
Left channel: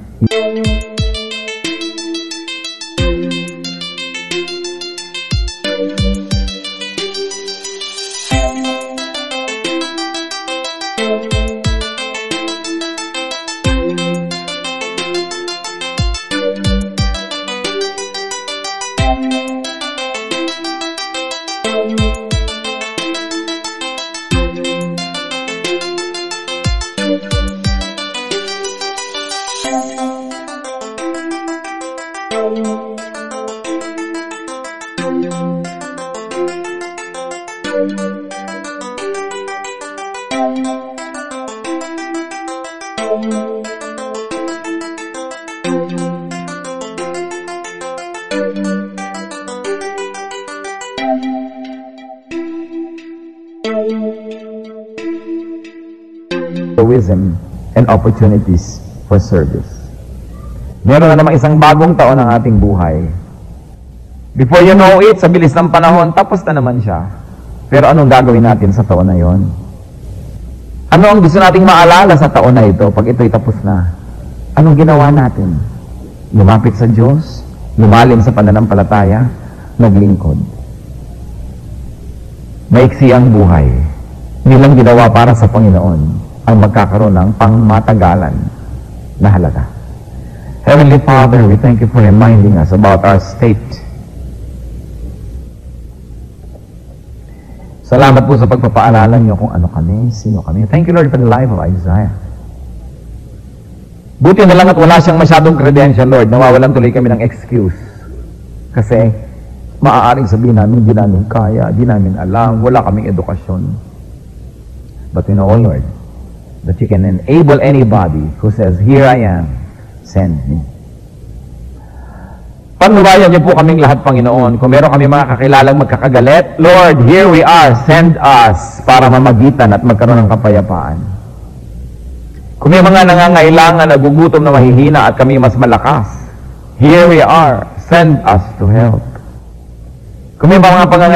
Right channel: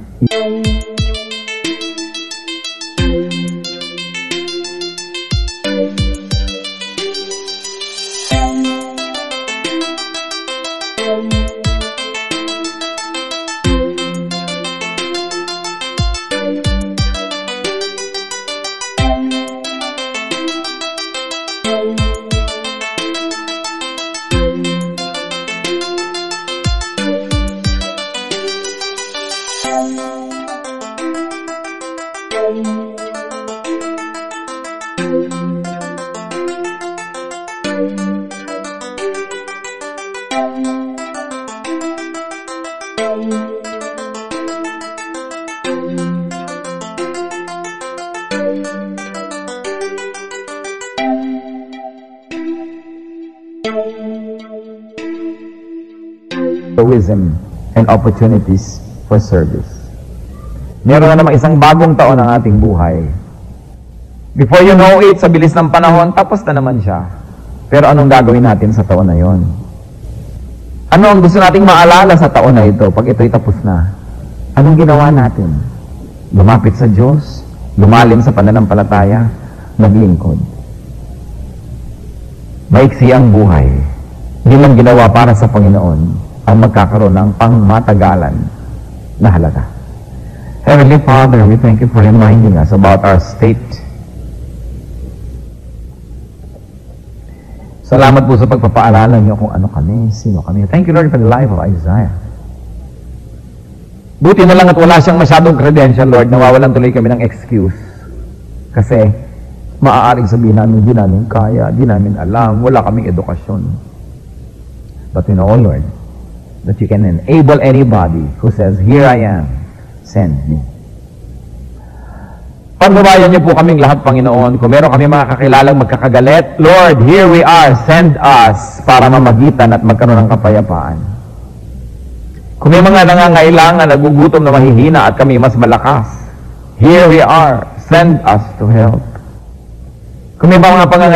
Wisdom and opportunities for service. Meron na naman isang bagong taon ng ating buhay. Before you know it, sa bilis ng panahon, tapos na naman siya. Pero anong gagawin natin sa taon na yon? Ano ang gusto nating maalala sa taon na ito pag ito'y tapos na? Anong ginawa natin? Lumapit sa Diyos, lumalim sa pananampalataya, naglingkod. Maiksi ang buhay. Nilang ginawa para sa Panginoon ang magkakaroon ng pangmatagalan na halaga. Heavenly Father, we thank you for reminding us about our state. Salamat po sa pagpapaaralan niyo kung ano kami, sino kami. Thank you, Lord, for the life of Isaiah. Buti na lang at wala siyang masyadong credential, Lord. Nawawalan tuloy kami ng excuse. Kasi maaaring sabihin namin, di namin kaya, di namin alam, wala kaming edukasyon. But we know, Lord, that you can enable anybody who says, here I am, send me. Pagbabayan niyo po kaming lahat, Panginoon. Kung meron kami mga kakilalang magkakagalit, Lord, here we are, send us para mamagitan at magkaroon ng kapayapaan. Kung may mga nangangailangan, nagugutom na mahihina at kami mas malakas, here we are, send us to help. Kung may mga pangangailangan,